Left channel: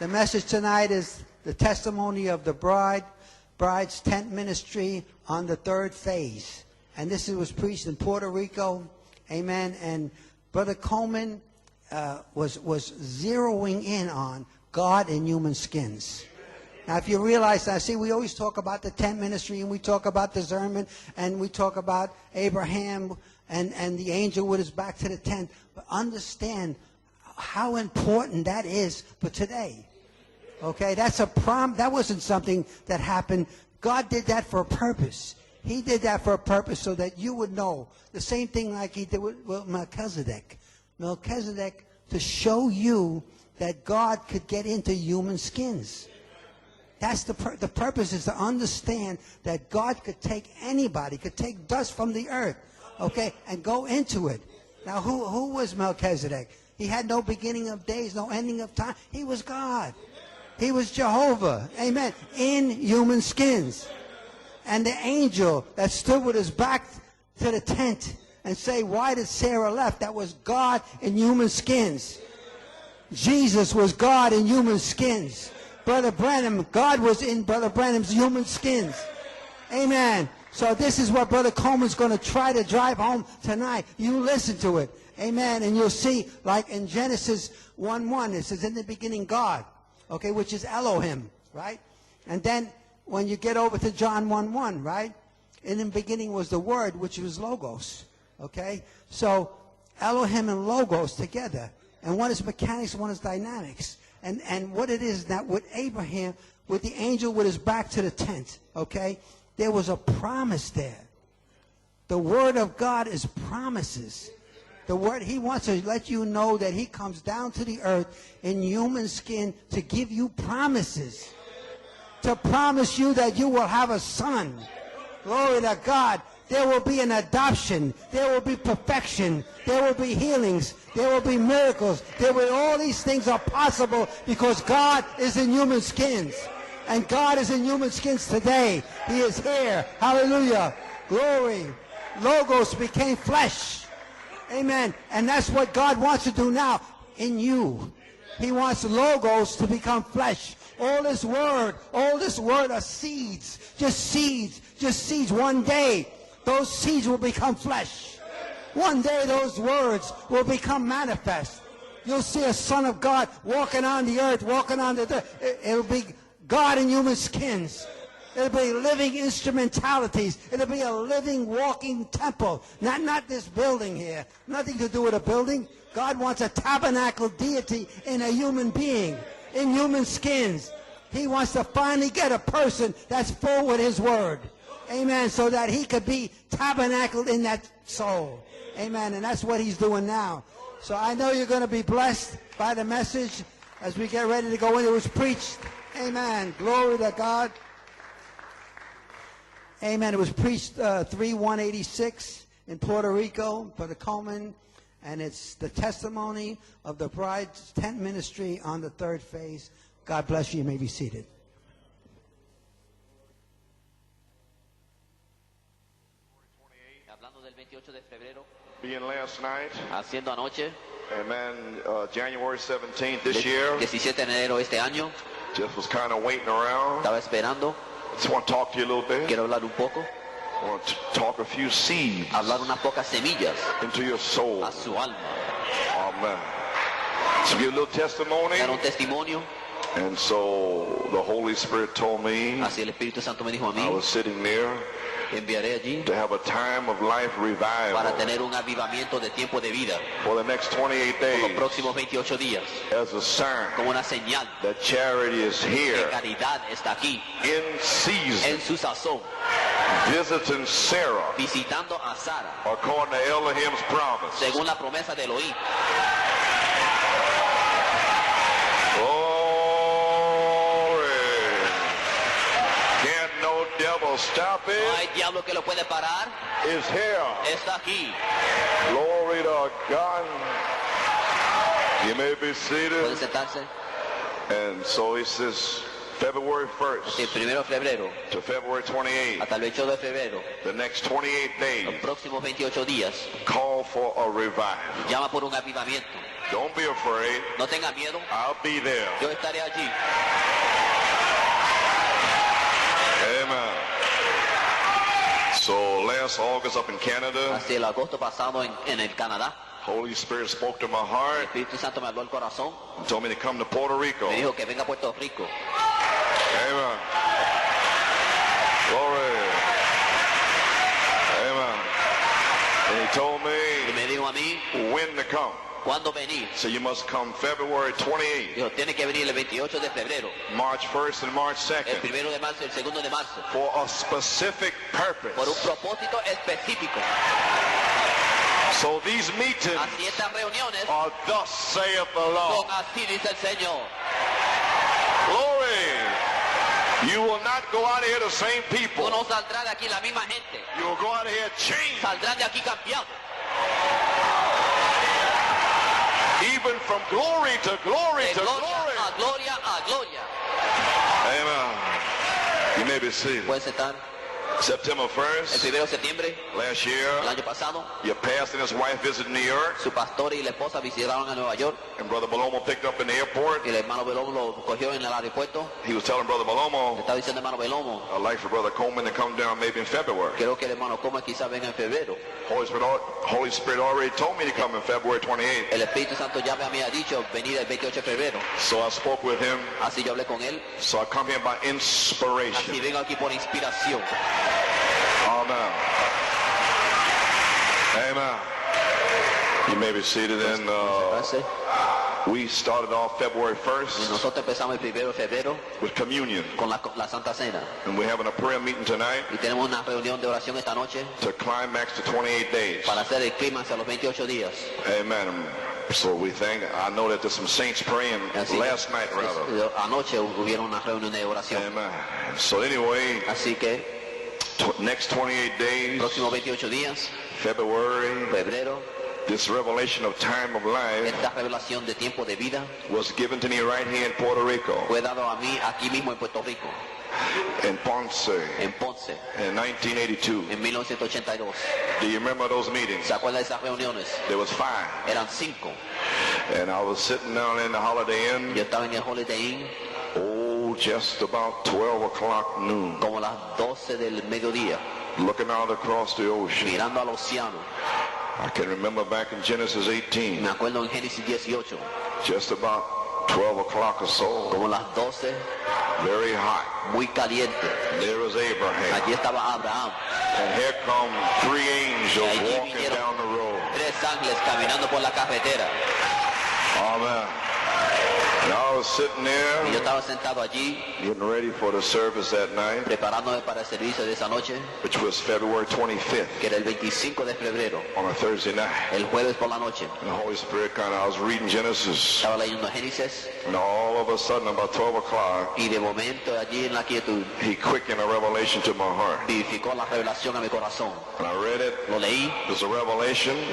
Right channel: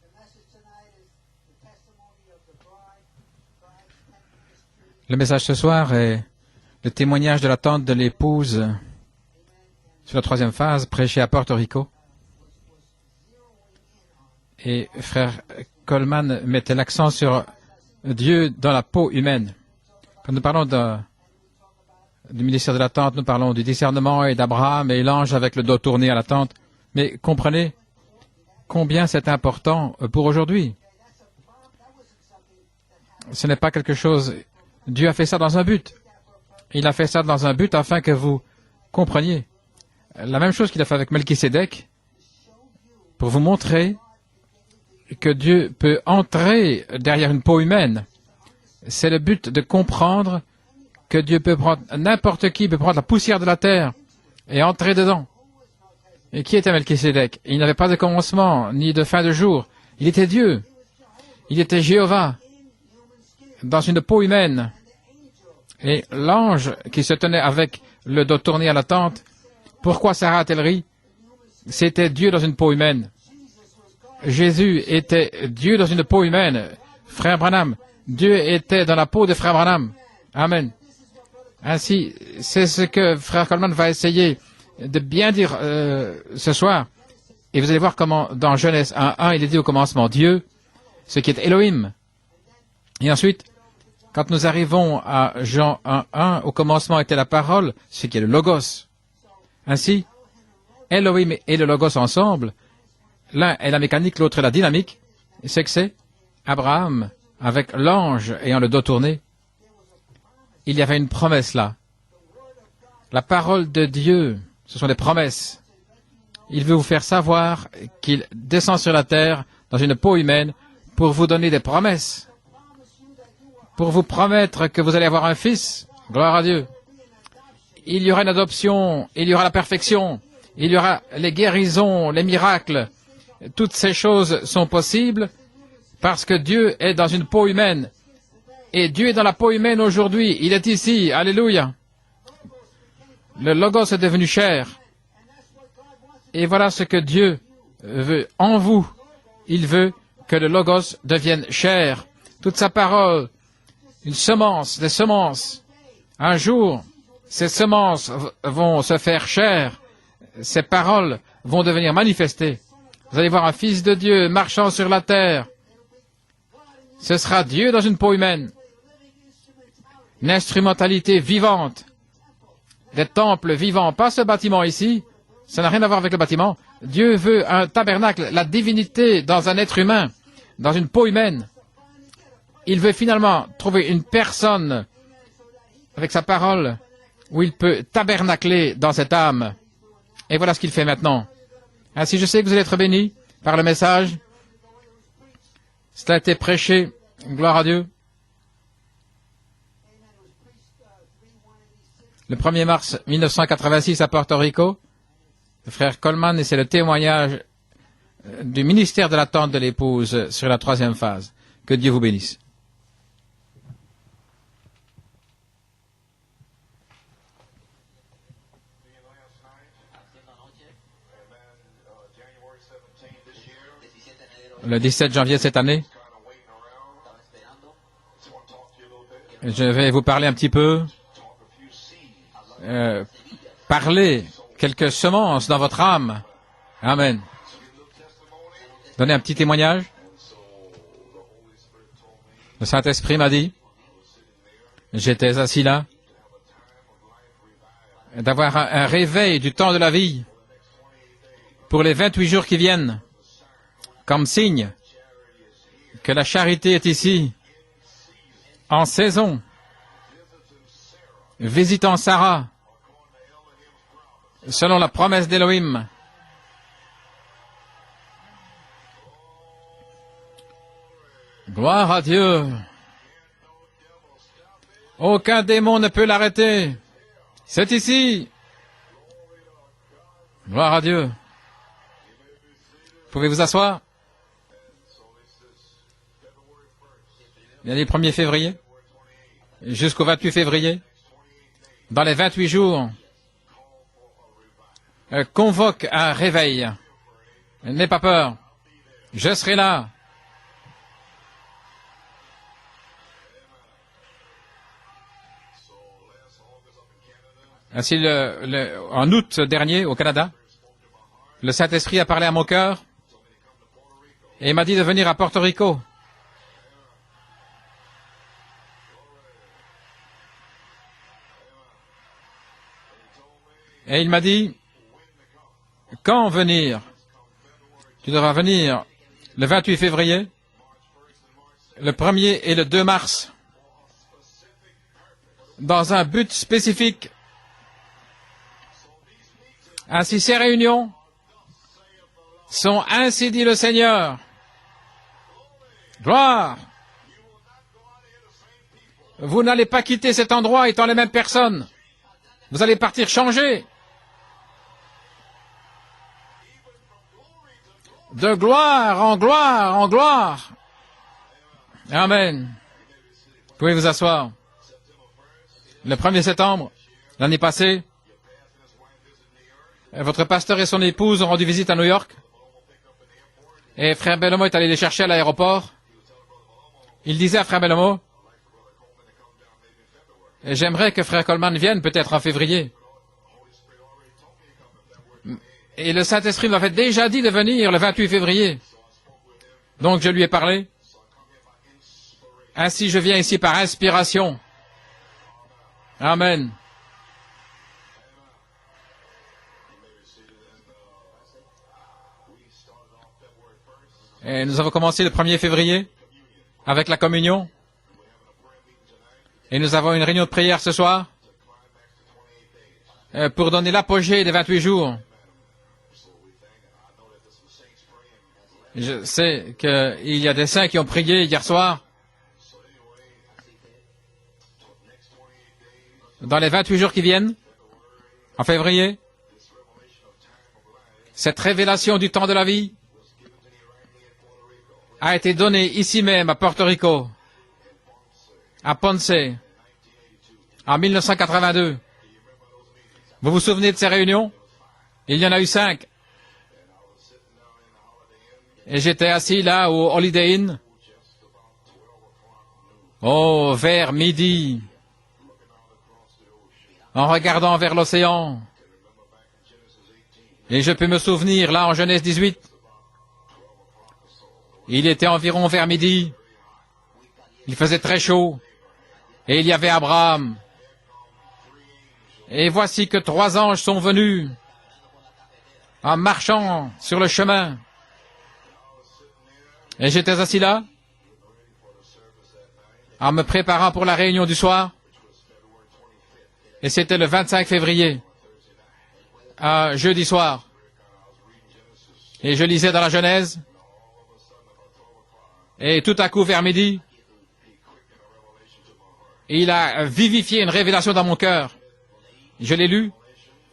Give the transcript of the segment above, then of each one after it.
The message tonight is the testimony of the bride's tent ministry. Le message ce soir est le témoignage de l'attente de l'épouse sur la troisième phase, prêchée à Porto Rico. Et frère Coleman mettait l'accent sur Dieu dans la peau humaine. Nous parlons du ministère de l'attente, nous parlons du discernement et d'Abraham et l'ange avec le dos tourné à l'attente. Mais comprenez combien c'est important pour aujourd'hui. Ce n'est pas quelque chose... Dieu a fait ça dans un but. Il a fait ça dans un but afin que vous compreniez. La même chose qu'il a fait avec Melchisédek, pour vous montrer que Dieu peut entrer derrière une peau humaine. C'est le but de comprendre que Dieu peut prendre n'importe qui, peut prendre la poussière de la terre et entrer dedans. Et qui était Melchisédek? Il n'avait pas de commencement, ni de fin de jour. Il était Dieu. Il était Jéhovah dans une peau humaine. Et l'ange qui se tenait avec le dos tourné à la tente, pourquoi Sarah a-t-elle ri? C'était Dieu dans une peau humaine. Jésus était Dieu dans une peau humaine. Frère Branham, Dieu était dans la peau de Frère Branham. Amen. Ainsi, c'est ce que Frère Coleman va essayer de bien dire ce soir. Et vous allez voir comment dans Genèse 1.1, il est dit au commencement Dieu, ce qui est Elohim. Et ensuite, quand nous arrivons à Jean 1.1, au commencement était la parole, ce qui est le Logos. Ainsi, Elohim et le Logos ensemble, l'un est la mécanique, l'autre est la dynamique. C'est que c'est Abraham avec l'ange ayant le dos tourné. Il y avait une promesse là. La parole de Dieu, ce sont des promesses. Il veut vous faire savoir qu'il descend sur la terre dans une peau humaine pour vous donner des promesses, pour vous promettre que vous allez avoir un fils. Gloire à Dieu. Il y aura une adoption, il y aura la perfection, il y aura les guérisons, les miracles. Toutes ces choses sont possibles parce que Dieu est dans une peau humaine. Et Dieu est dans la peau humaine aujourd'hui. Il est ici. Alléluia. Le Logos est devenu chair. Et voilà ce que Dieu veut en vous. Il veut que le Logos devienne chair. Toute sa parole, une semence, des semences. Un jour, ces semences vont se faire chair. Ces paroles vont devenir manifestées. Vous allez voir un fils de Dieu marchant sur la terre. Ce sera Dieu dans une peau humaine. Une instrumentalité vivante. Des temples vivants, pas ce bâtiment ici. Ça n'a rien à voir avec le bâtiment. Dieu veut un tabernacle, la divinité dans un être humain, dans une peau humaine. Il veut finalement trouver une personne avec sa parole où il peut tabernacler dans cette âme. Et voilà ce qu'il fait maintenant. Ainsi, je sais que vous allez être bénis par le message. Cela a été prêché. Gloire à Dieu. Le 1er mars 1986 à Porto Rico, frère Coleman, et c'est le témoignage du ministère de l'attente de l'épouse sur la troisième phase. Que Dieu vous bénisse. Le 17 janvier cette année, je vais vous parler un petit peu, parler quelques semences dans votre âme. Amen. Donner un petit témoignage. Le Saint-Esprit m'a dit, j'étais assis là, d'avoir un réveil du temps de la vie pour les 28 jours qui viennent, comme signe que la charité est ici, en saison, visitant Sarah, selon la promesse d'Élohim. Gloire à Dieu. Aucun démon ne peut l'arrêter. C'est ici. Gloire à Dieu. Vous pouvez vous asseoir. Le 1er février jusqu'au 28 février, dans les 28 jours, convoque un réveil. N'ayez pas peur. Je serai là. Ainsi, en août dernier, au Canada, le Saint-Esprit a parlé à mon cœur et m'a dit de venir à Porto Rico. Et il m'a dit quand venir. Tu devras venir le 28 février, le 1er et le 2 mars, dans un but spécifique. Ainsi, ces réunions sont ainsi dit le Seigneur. Gloire. Vous n'allez pas quitter cet endroit étant les mêmes personnes. Vous allez partir changer. De gloire en gloire en gloire. Amen. Vous pouvez vous asseoir. Le 1er septembre, l'année passée, votre pasteur et son épouse ont rendu visite à New York. Et frère Bellomo est allé les chercher à l'aéroport. Il disait à frère Bellomo, j'aimerais que frère Coleman vienne peut-être en février. Et le Saint-Esprit m'avait déjà dit de venir le 28 février. Donc je lui ai parlé. Ainsi je viens ici par inspiration. Amen. Et nous avons commencé le 1er février avec la communion. Et nous avons une réunion de prière ce soir pour donner l'apogée des 28 jours. Je sais qu'il y a des saints qui ont prié hier soir. Dans les 28 jours qui viennent, en février, cette révélation du temps de la vie a été donnée ici même à Porto Rico, à Ponce, en 1982. Vous vous souvenez de ces réunions? Il y en a eu 5. Et j'étais assis là au Holiday Inn, vers midi, en regardant vers l'océan. Et je peux me souvenir, là en Genèse 18, il était environ vers midi, il faisait très chaud, et il y avait Abraham. Et voici que 3 anges sont venus en marchant sur le chemin. Et j'étais assis là, en me préparant pour la réunion du soir. Et c'était le 25 février, jeudi soir. Et je lisais dans la Genèse. Et tout à coup, vers midi, il a vivifié une révélation dans mon cœur. Je l'ai lu.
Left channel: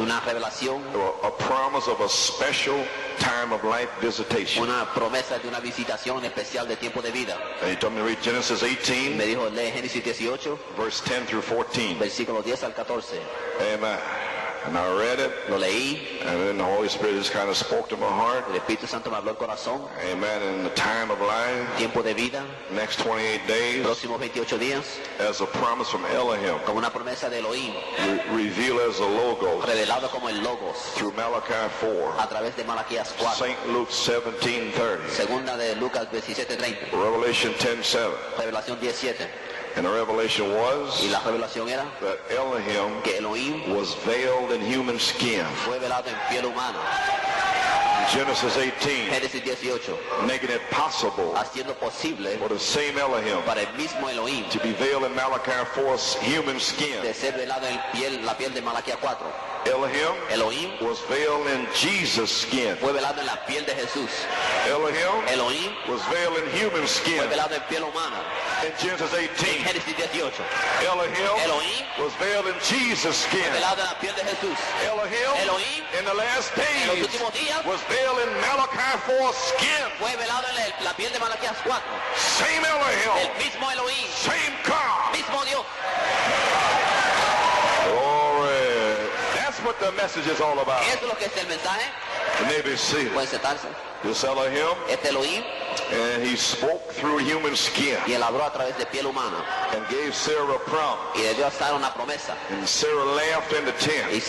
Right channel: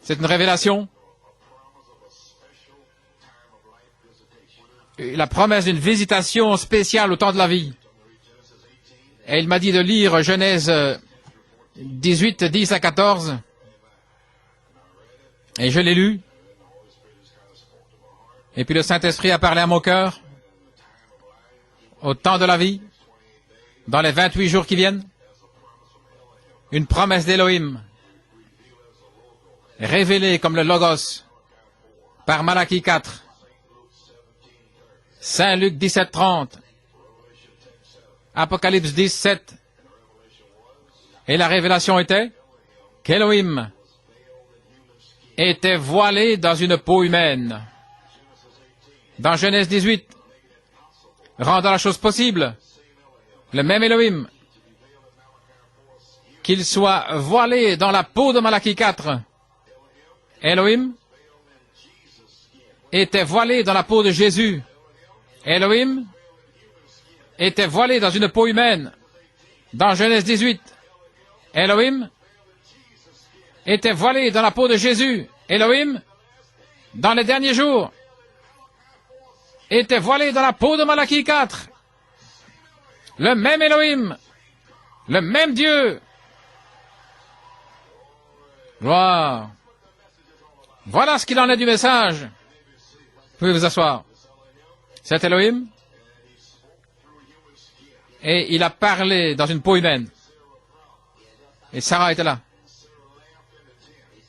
C'est une révélation. La promesse d'une visitation spéciale au temps de la vie. Et il m'a dit de lire Genèse 18, 10 à 14. Et je l'ai lu. Et puis le Saint-Esprit a parlé à mon cœur. Au temps de la vie, dans les 28 jours qui viennent, une promesse d'Élohim, révélée comme le Logos, par Malachie 4, Saint Luc 17, 30, Apocalypse 17. Et la révélation était qu'Élohim était voilé dans une peau humaine. Dans Genèse 18, rendant la chose possible, le même Élohim, qu'il soit voilé dans la peau de Malachie 4. Elohim était voilé dans la peau de Jésus. Elohim était voilé dans une peau humaine. Dans Genèse 18, Elohim était voilé dans la peau de Jésus. Elohim, dans les derniers jours, était voilé dans la peau de Malachie 4. Le même Elohim, le même Dieu. Wow. Voilà ce qu'il en est du message. Vous pouvez vous asseoir. C'est Elohim. Et il a parlé dans une peau humaine. Et Sarah était là,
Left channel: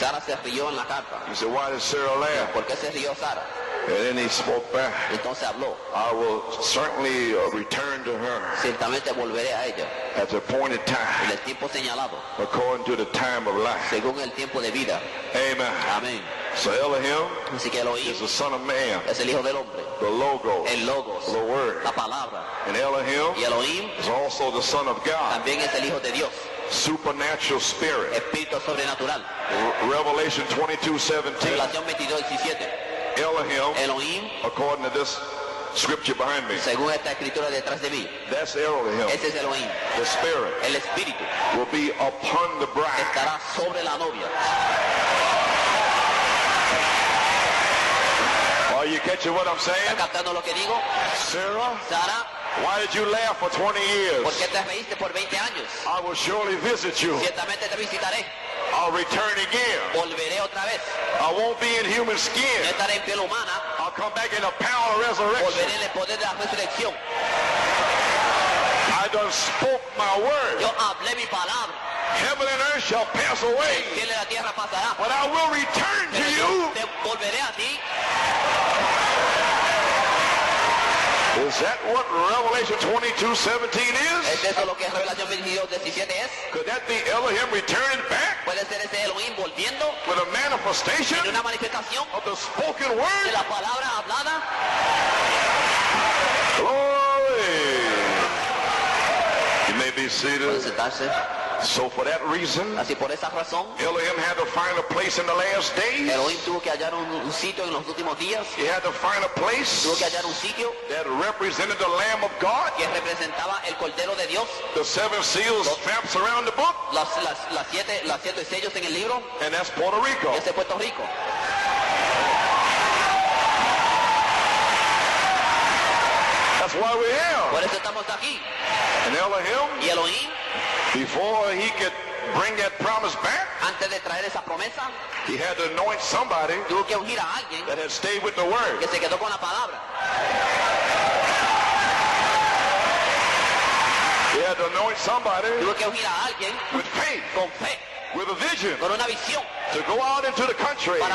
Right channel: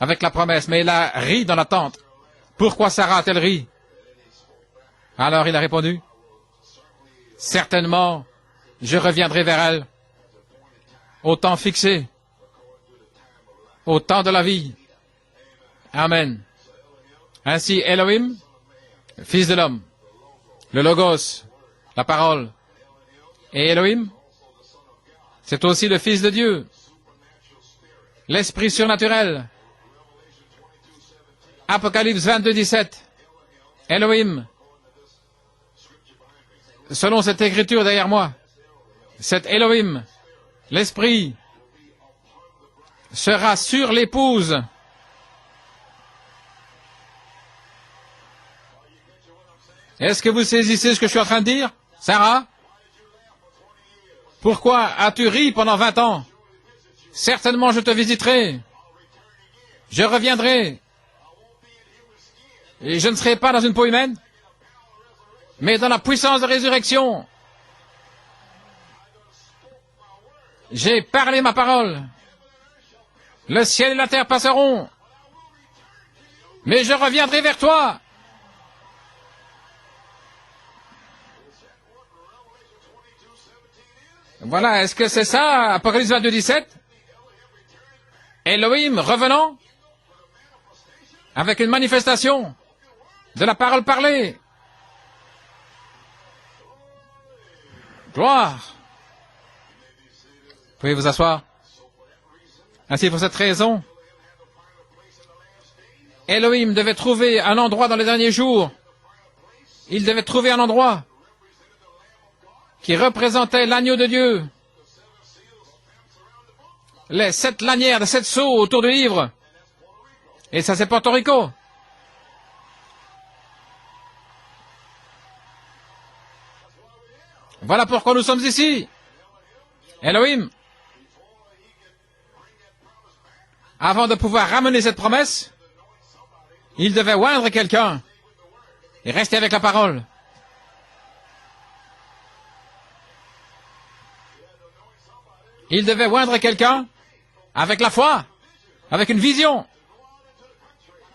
avec la promesse, mais elle a ri dans la tente. Pourquoi Sarah a-t-elle ri? Alors il a répondu, certainement, je reviendrai vers elle au temps fixé, au temps de la vie. Amen. Ainsi, Elohim, fils de l'homme, le Logos, la parole. Et Elohim, c'est aussi le Fils de Dieu, l'Esprit surnaturel. Apocalypse 22, 17. Elohim, selon cette écriture derrière moi, cet Elohim, l'Esprit, sera sur l'épouse. Est-ce que vous saisissez ce que je suis en train de dire, Sarah? Pourquoi as-tu ri pendant 20 ans? Certainement je te visiterai. Je reviendrai. Et je ne serai pas dans une peau humaine, mais dans la puissance de résurrection. J'ai parlé ma parole. Le ciel et la terre passeront, mais je reviendrai vers toi. Voilà, est-ce que c'est ça, Apocalypse 22, 17? Elohim revenant avec une manifestation de la parole parlée. Gloire. Vous pouvez vous asseoir. Ainsi, pour cette raison, Elohim devait trouver un endroit dans les derniers jours. Il devait trouver un endroit qui représentait l'agneau de Dieu. Les 7 lanières de 7 sceaux autour du livre. Et ça, c'est Porto Rico. Voilà pourquoi nous sommes ici. Elohim, avant de pouvoir ramener cette promesse, il devait oindre quelqu'un et rester avec la parole. Il devait oindre quelqu'un avec la foi, avec une vision,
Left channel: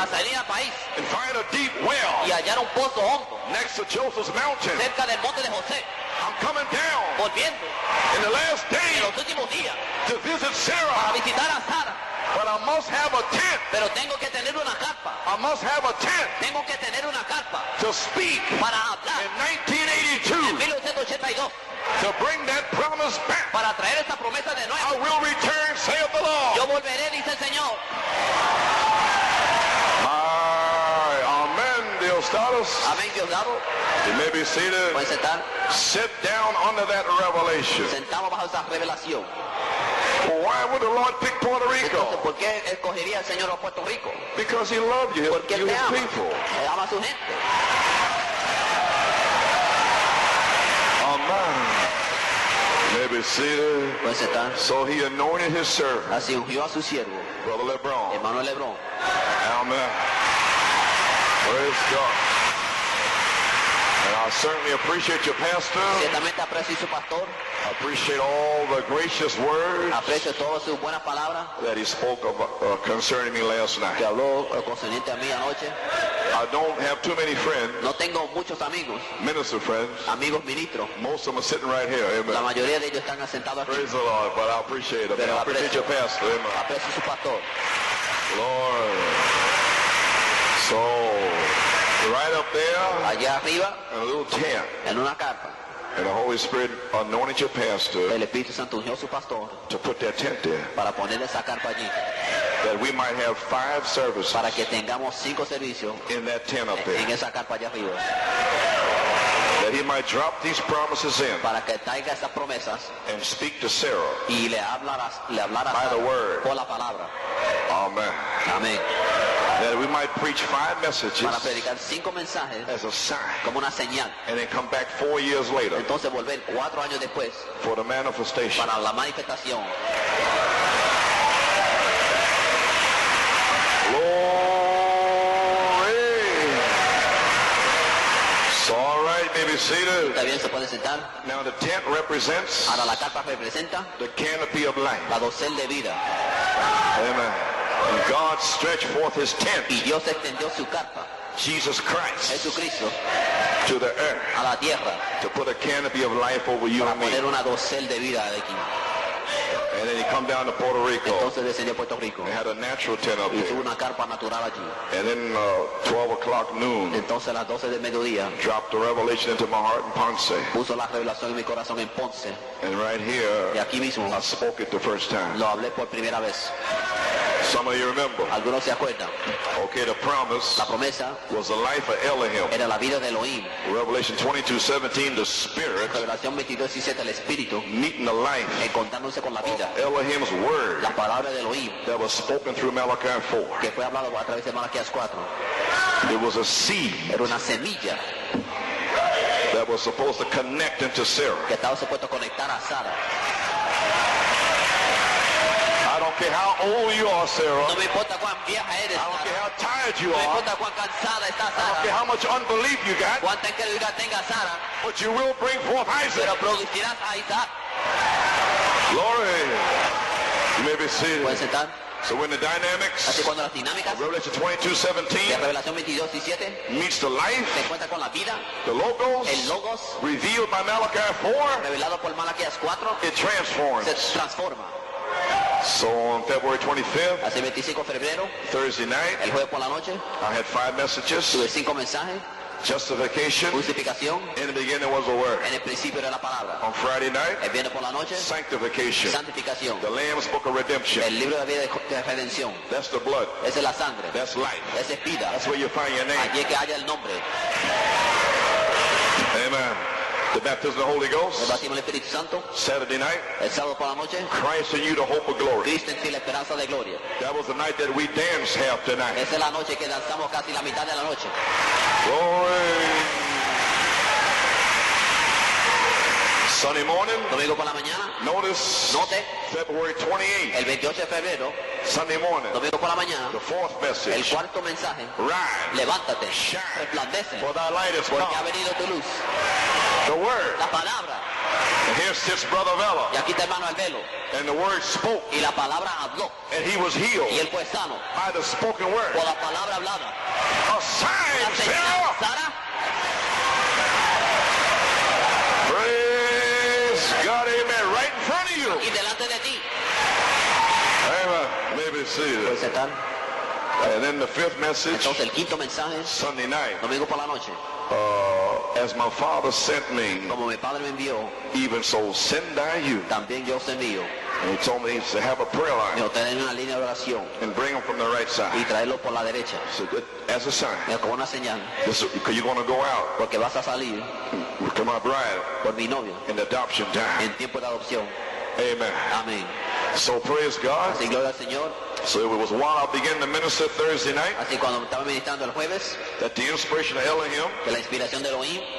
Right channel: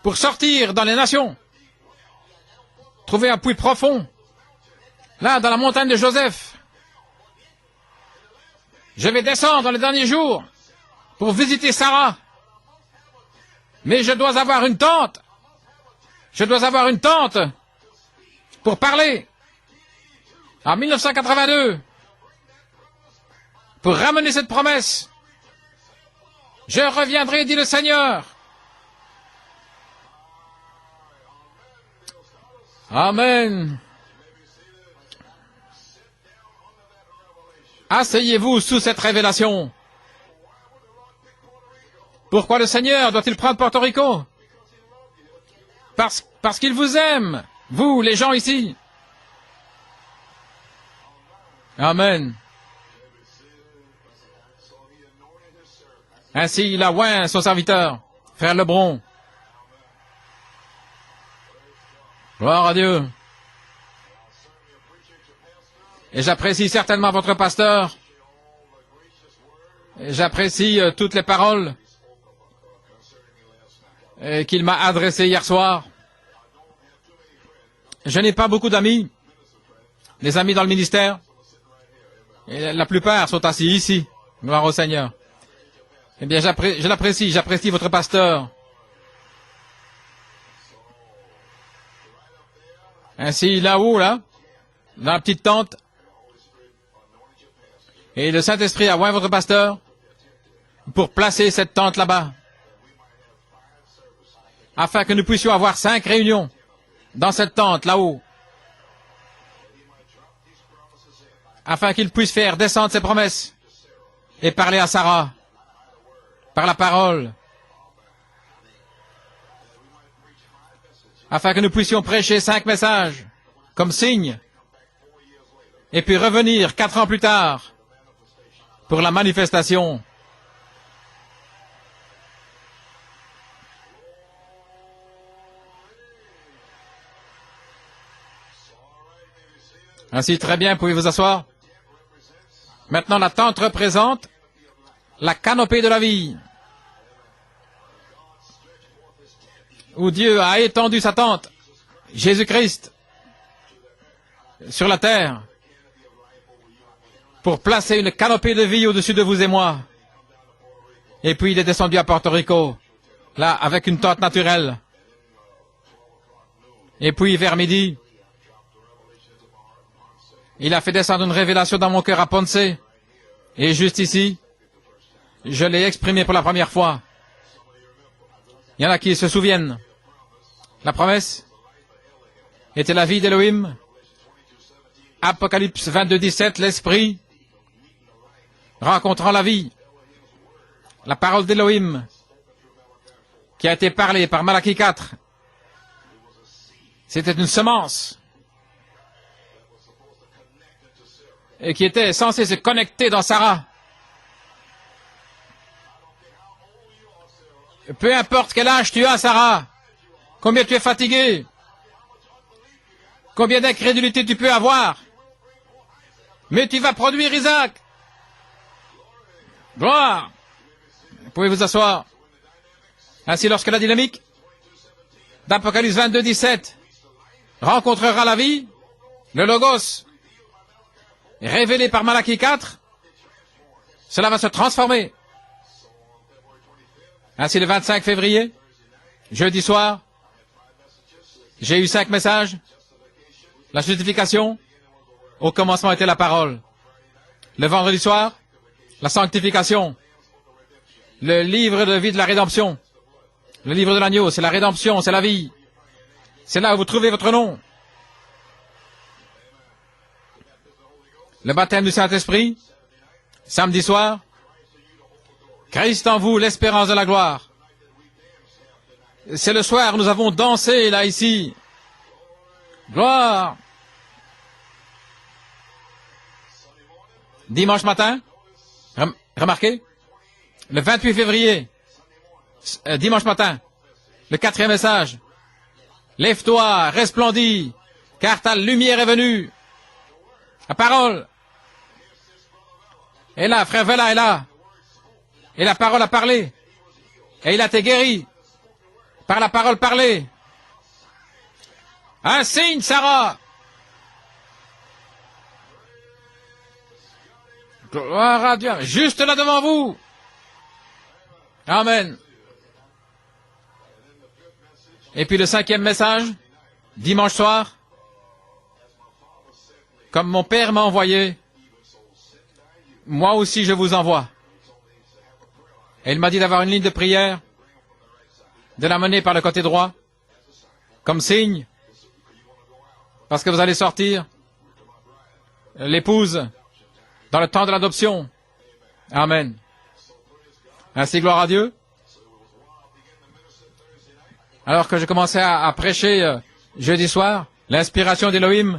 pour sortir dans les nations, trouver un puits profond, là, dans la montagne de Joseph. Je vais descendre dans les derniers jours pour visiter Sarah. Mais je dois avoir une tente. Je dois avoir une tente pour parler. En 1982, pour ramener cette promesse, je reviendrai, dit le Seigneur. Amen. Asseyez-vous sous cette révélation. Pourquoi le Seigneur doit-il prendre Porto Rico? Parce qu'il vous aime, vous, les gens ici. Amen. Ainsi, il a oint son serviteur, Frère Lebron. Gloire à Dieu. Et j'apprécie certainement votre pasteur. J'apprécie toutes les paroles qu'il m'a adressées hier soir. Je n'ai pas beaucoup d'amis, des amis dans le ministère. La plupart sont assis ici. Gloire au Seigneur. Eh bien, je l'apprécie, j'apprécie votre pasteur. Ainsi, là-haut, là, dans la petite tente, et le Saint-Esprit a oint votre pasteur pour placer cette tente là-bas, afin que nous puissions avoir 5 réunions dans cette tente là-haut, afin qu'il puisse faire descendre ses promesses et parler à Sarah par la parole. Afin que nous puissions prêcher 5 messages comme signe et puis revenir 4 ans plus tard pour la manifestation. Merci, très bien, pouvez vous asseour. Maintenant, la tente représente la canopée de la vie, où Dieu a étendu sa tente, Jésus-Christ, sur la terre, pour placer une canopée de vie au-dessus de vous et moi. Et puis il est descendu à Porto Rico, là, avec une tente naturelle. Et puis vers midi, il a fait descendre une révélation dans mon cœur à Ponce. Et juste ici, je l'ai exprimé pour la première fois. Il y en a qui se souviennent. La promesse était la vie d'Élohim. Apocalypse 22, 17, l'Esprit rencontrant la vie. La parole d'Élohim qui a été parlée par Malachie 4. C'était une semence et qui était censée se connecter dans Sarah. Peu importe quel âge tu as, Sarah, combien tu es fatigué, combien d'incrédulité tu peux avoir, mais tu vas produire Isaac. Gloire. Vous pouvez vous asseoir. Ainsi, lorsque la dynamique d'Apocalypse 22, 17 rencontrera la vie, le Logos, révélé par Malachie 4, cela va se transformer. Ainsi, le 25 février, jeudi soir, j'ai eu 5 messages. La justification, au commencement était la parole. Le vendredi soir, la sanctification. Le livre de vie de la rédemption. Le livre de l'agneau, c'est la rédemption, c'est la vie. C'est là où vous trouvez votre nom. Le baptême du Saint-Esprit, samedi soir. Christ en vous, l'espérance de la gloire. C'est le soir, nous avons dansé là, ici. Gloire. Dimanche matin, remarquez, le 28 février, dimanche matin, le 4e message. Lève-toi, resplendis, car ta lumière est venue. La parole. Et là, frère Vela est là. Et la parole a parlé. Et il a été guéri par la parole parlée. Un signe, Sarah. Voilà, juste là devant vous. Amen. Et puis le 5e message, dimanche soir. Comme mon Père m'a envoyé, moi aussi je vous envoie. Et il m'a dit d'avoir une ligne de prière, de la mener par le côté droit, comme signe, parce que vous allez sortir, l'épouse, dans le temps de l'adoption. Amen. Ainsi, gloire à Dieu. Alors que je commençais à prêcher jeudi soir, l'inspiration d'Élohim,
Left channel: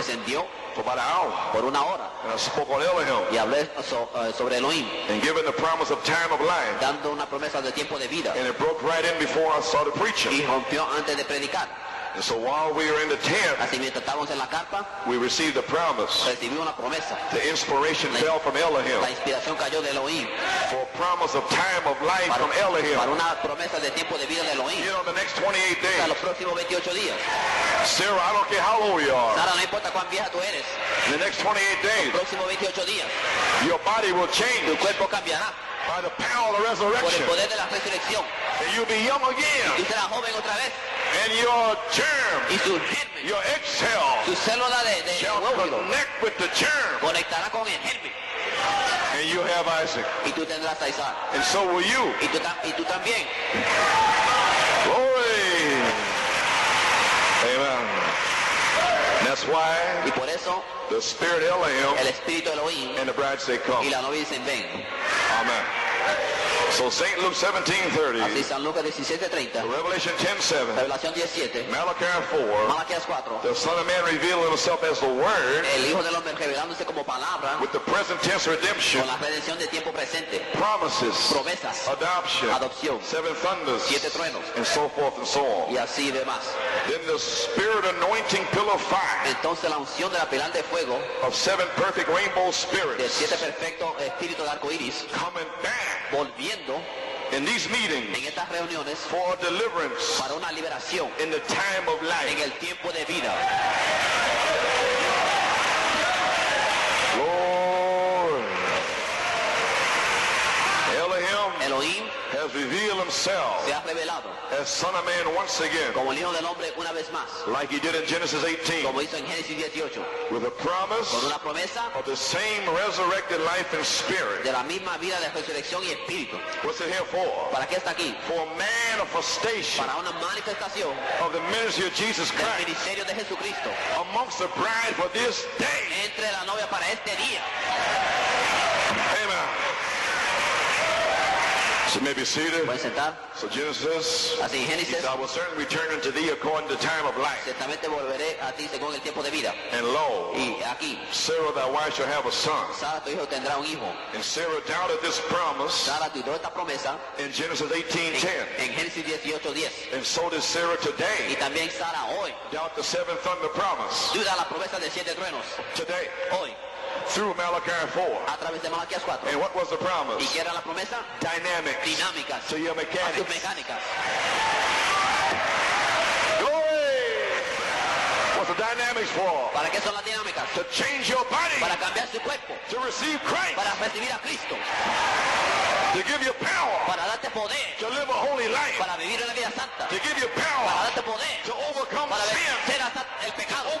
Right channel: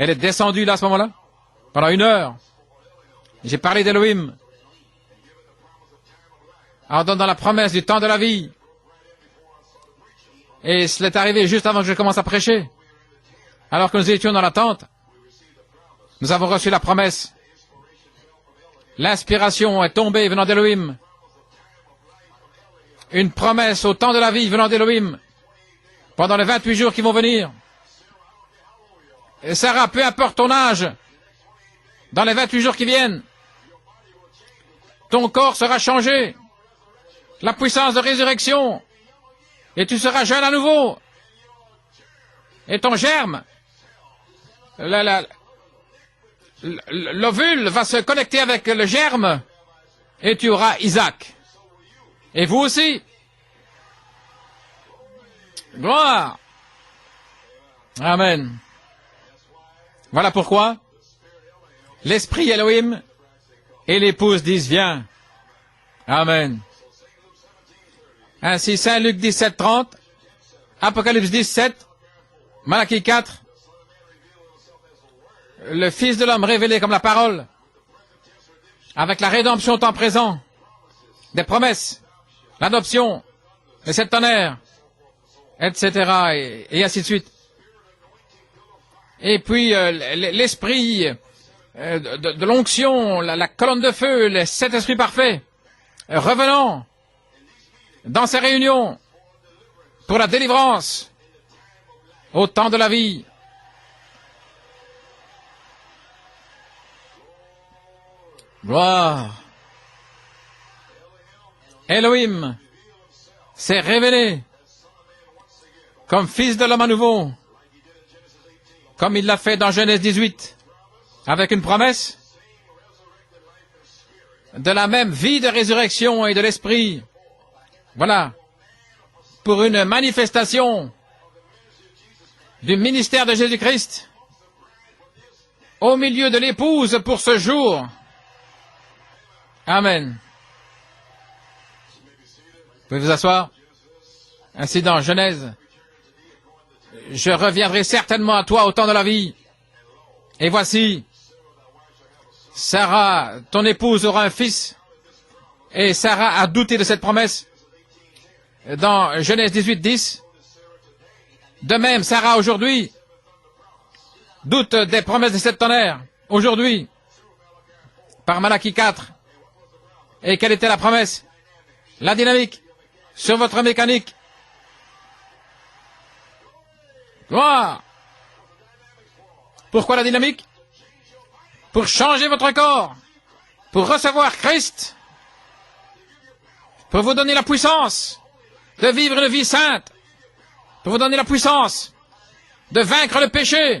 elle est descendue là à ce moment-là, pendant 1 heure. J'ai parlé d'Élohim, en donnant la promesse du temps de la vie. Et cela est arrivé juste avant que je commence à prêcher. Alors que nous étions dans la tente, nous avons reçu la promesse. L'inspiration est tombée venant d'Élohim. Une promesse au temps de la vie venant d'Élohim. Pendant les 28 jours qui vont venir. Et Sarah, peu importe ton âge, dans les 28 jours qui viennent, ton corps sera changé. La puissance de résurrection. Et tu seras jeune à nouveau. Et ton germe, l'ovule va se connecter avec le germe. Et tu auras Isaac. Et vous aussi. Gloire. Amen. Voilà pourquoi l'esprit Elohim et l'épouse disent viens. Amen. Ainsi, Saint Luc 17, 30, Apocalypse 17, Malachie 4, le Fils de l'homme révélé comme la parole, avec la rédemption au temps présent, des promesses, l'adoption, les 7 tonnerres, etc. Et ainsi de suite. Et puis l'esprit de l'onction, la colonne de feu, les 7 esprits parfaits, revenant dans ces réunions pour la délivrance au temps de la vie. Gloire. Elohim s'est révélé comme fils de l'homme à nouveau, comme il l'a fait dans Genèse 18, avec une promesse de la même vie de résurrection et de l'esprit. Voilà, pour une manifestation du ministère de Jésus-Christ au milieu de l'épouse pour ce jour. Amen. Vous pouvez vous asseoir. Ainsi dans Genèse, je reviendrai certainement à toi au temps de la vie. Et voici, Sarah, ton épouse, aura un fils. Et Sarah a douté de cette promesse. Dans Genèse 18, 10, de même, Sarah aujourd'hui doute des promesses des 7 tonnerres. Aujourd'hui, par Malachie 4. Et quelle était la promesse? La dynamique sur votre mécanique. Voilà. Pourquoi la dynamique? Pour changer votre corps, pour recevoir Christ, pour vous donner la puissance de vivre une vie sainte, pour vous donner la puissance de vaincre le péché,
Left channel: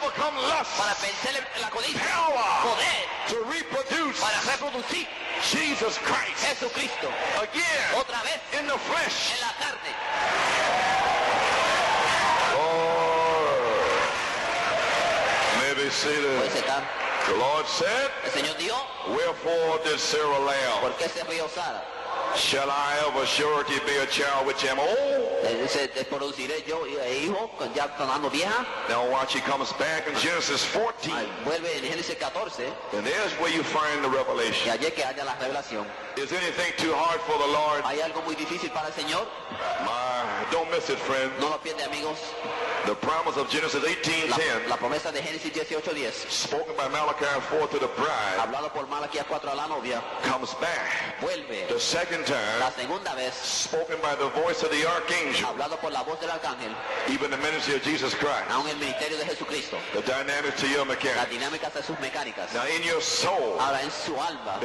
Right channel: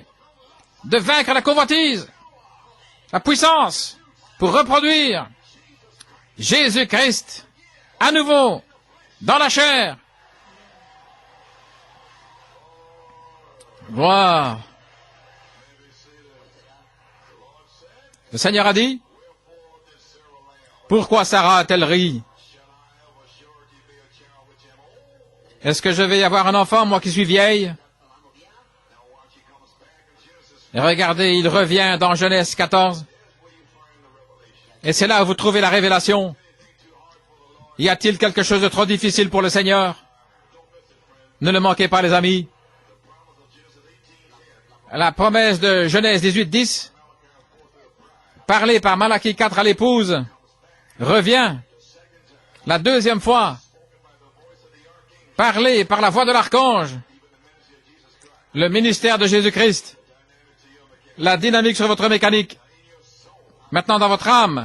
de vaincre la convoitise, la puissance pour reproduire Jésus-Christ à nouveau dans la chair. Gloire. Le Seigneur a dit, pourquoi Sarah a-t-elle ri? Est-ce que je vais avoir un enfant, moi qui suis vieille? Regardez, il revient dans Genèse 14. Et c'est là où vous trouvez la révélation. Y a-t-il quelque chose de trop difficile pour le Seigneur? Ne le manquez pas, les amis. La promesse de Genèse 18, 10, parlée par Malachie 4 à l'épouse, revient la deuxième fois, parlée par la voix de l'archange, le ministère de Jésus-Christ, la dynamique sur votre mécanique. Maintenant, dans votre âme,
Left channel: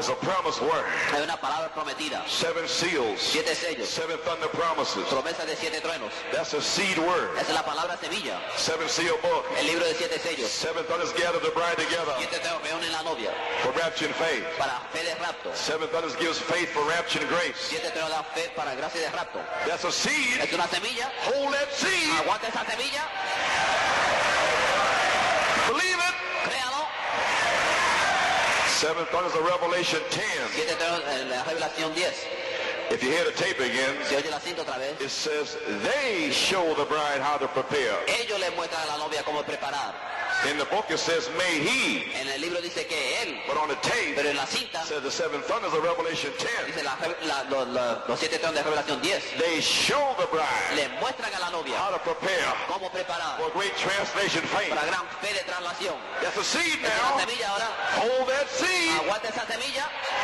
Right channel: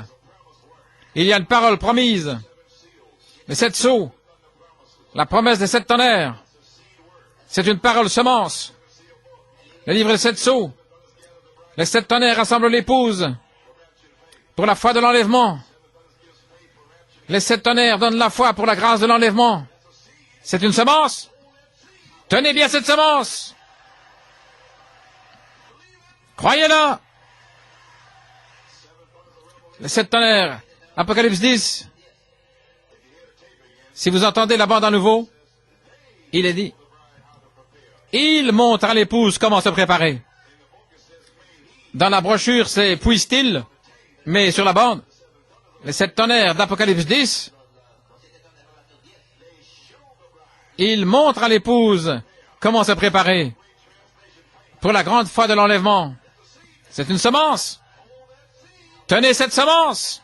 il y a une parole promise, les 7 sceaux, la promesse des 7 tonnerres. C'est une parole semence. Le livre des 7 sceaux. Les 7 tonnerres rassemblent l'épouse pour la foi de l'enlèvement. Les 7 tonnerres donnent la foi pour la grâce de l'enlèvement. C'est une semence. Tenez bien cette semence. Croyez-la. Les 7 tonnerres. Apocalypse 10. Si vous entendez la bande à nouveau, il est dit, il montre à l'épouse comment se préparer. Dans la brochure, c'est puisse-t-il, mais sur la bande, les 7 tonnerres d'Apocalypse 10, il montre à l'épouse comment se préparer pour la grande foi de l'enlèvement. C'est une semence. Tenez cette semence.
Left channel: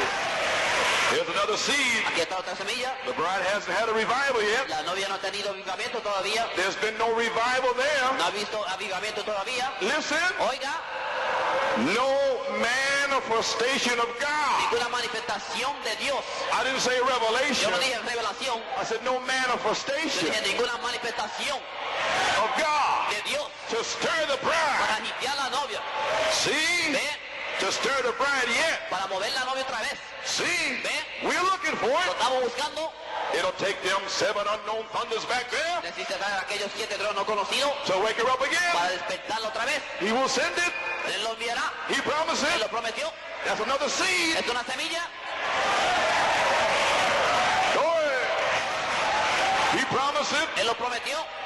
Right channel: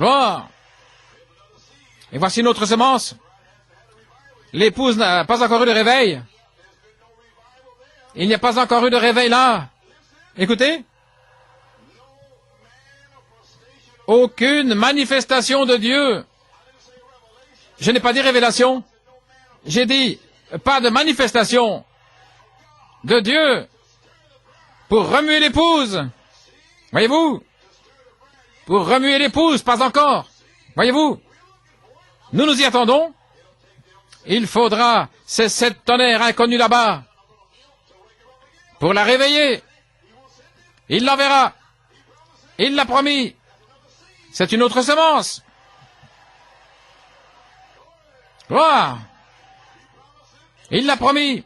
Gloire. Et voici une autre semence. L'épouse n'a pas encore eu de réveil. Il n'y a pas encore eu de réveil là. Écoutez. Aucune manifestation de Dieu. Je n'ai pas dit révélation. J'ai dit pas de manifestation de Dieu pour remuer l'épouse. Voyez-vous? Pour remuer l'épouse, pas encore. Voyez-vous? Nous nous y attendons. Il faudra ces 7 tonnerres inconnus là-bas pour la réveiller. Il l'enverra. Il l'a promis. C'est une autre semence. Voilà. Il l'a promis.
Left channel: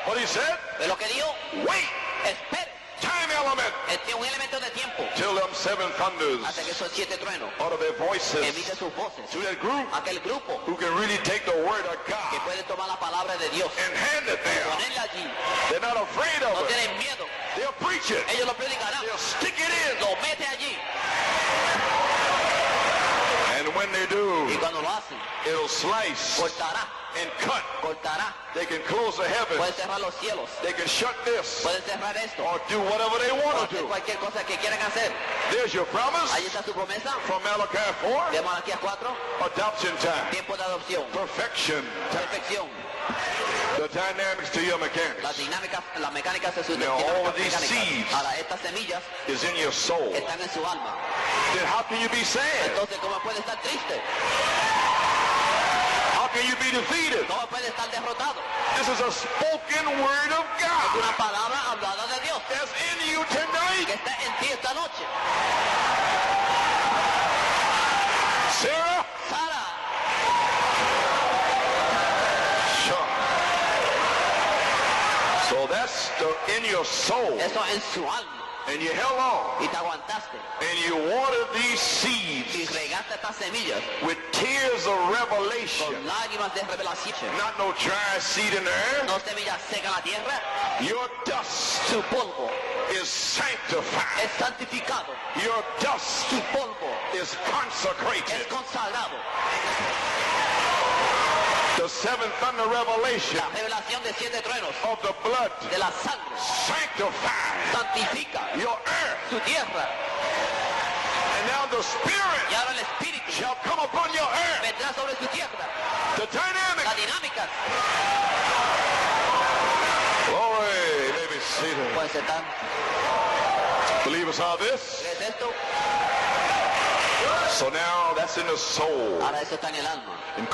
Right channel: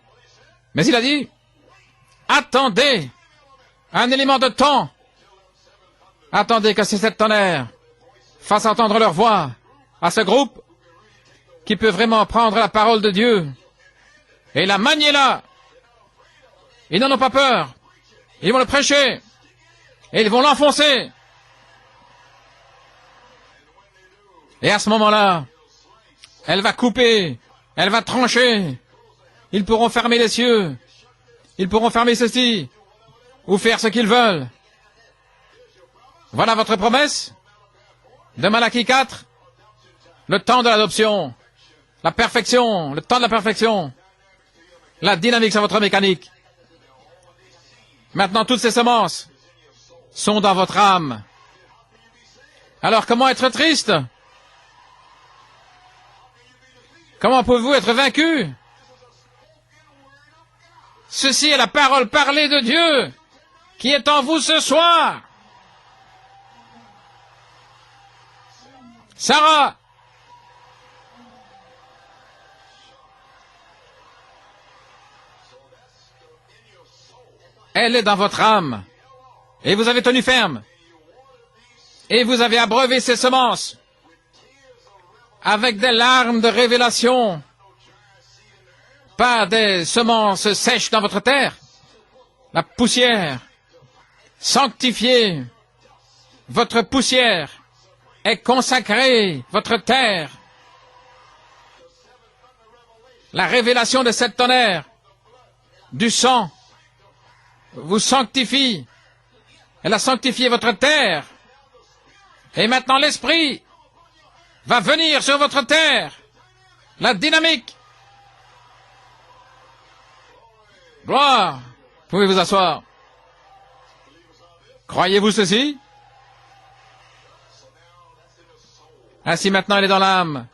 Mais il a dit, attendez un élément de temps. Attendez que ces 7 tonnerres fassent entendre leur voix à ce groupe qui peut vraiment prendre la parole de Dieu Et la manne est là. Ils n'en ont pas peur. Ils vont le prêcher. Et ils vont l'enfoncer. Et à ce moment-là, elle va couper, elle va trancher. Ils pourront fermer les cieux. Ils pourront fermer ceci. Ou faire ce qu'ils veulent. Voilà votre promesse de Malachie 4. Le temps de l'adoption. La perfection. Le temps de la perfection. La dynamique sur votre mécanique. Maintenant, toutes ces semences sont dans votre âme. Alors, comment être triste? Comment pouvez-vous être vaincu? Ceci est la parole parlée de Dieu qui est en vous ce soir. Sarah. Elle est dans votre âme. Et vous avez tenu ferme. Et vous avez abreuvé ces semences avec des larmes de révélation. Pas des semences sèches dans votre terre. La poussière sanctifiée. Votre poussière est consacrée. Votre terre. La révélation de cette tonnerre du sang vous sanctifie. Elle a sanctifié votre terre. Et maintenant l'Esprit va venir sur votre terre. La dynamique. Gloire. Vous pouvez vous asseoir. Croyez-vous ceci? Ainsi maintenant elle est dans l'âme.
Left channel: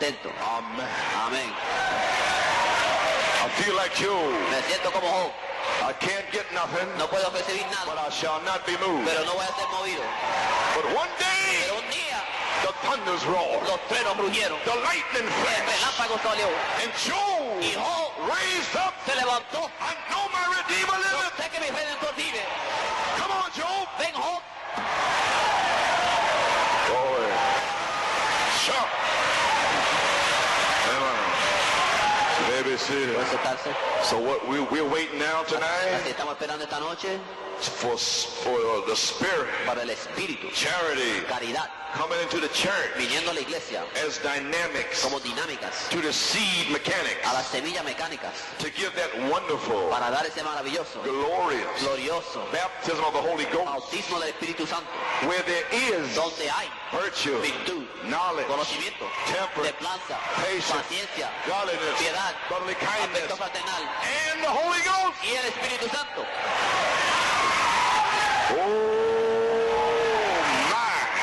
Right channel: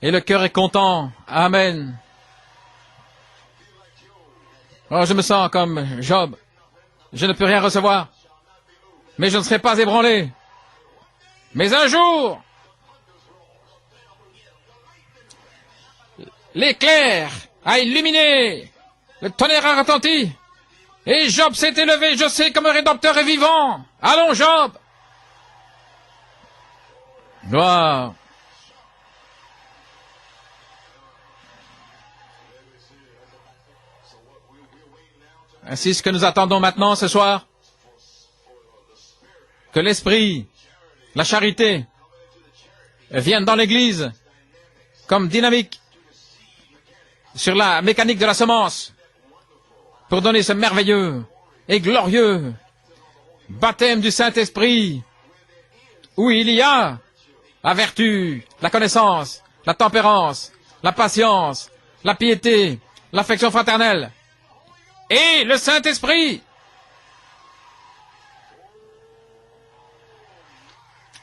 Et le cœur est content. Amen. Oh, je me sens comme Job. Je ne peux rien recevoir. Mais je ne serai pas ébranlé. Mais un jour, l'éclair a illuminé, le tonnerre a retenti. Et Job s'est élevé, je sais, comme un rédempteur est vivant. Allons, Job. Gloire. Ainsi, ce que nous attendons maintenant ce soir, que l'Esprit, la charité, viennent dans l'Église comme dynamique sur la mécanique de la semence pour donner ce merveilleux et glorieux baptême du Saint-Esprit où il y a la vertu, la connaissance, la tempérance, la patience, la piété, l'affection fraternelle et le Saint-Esprit.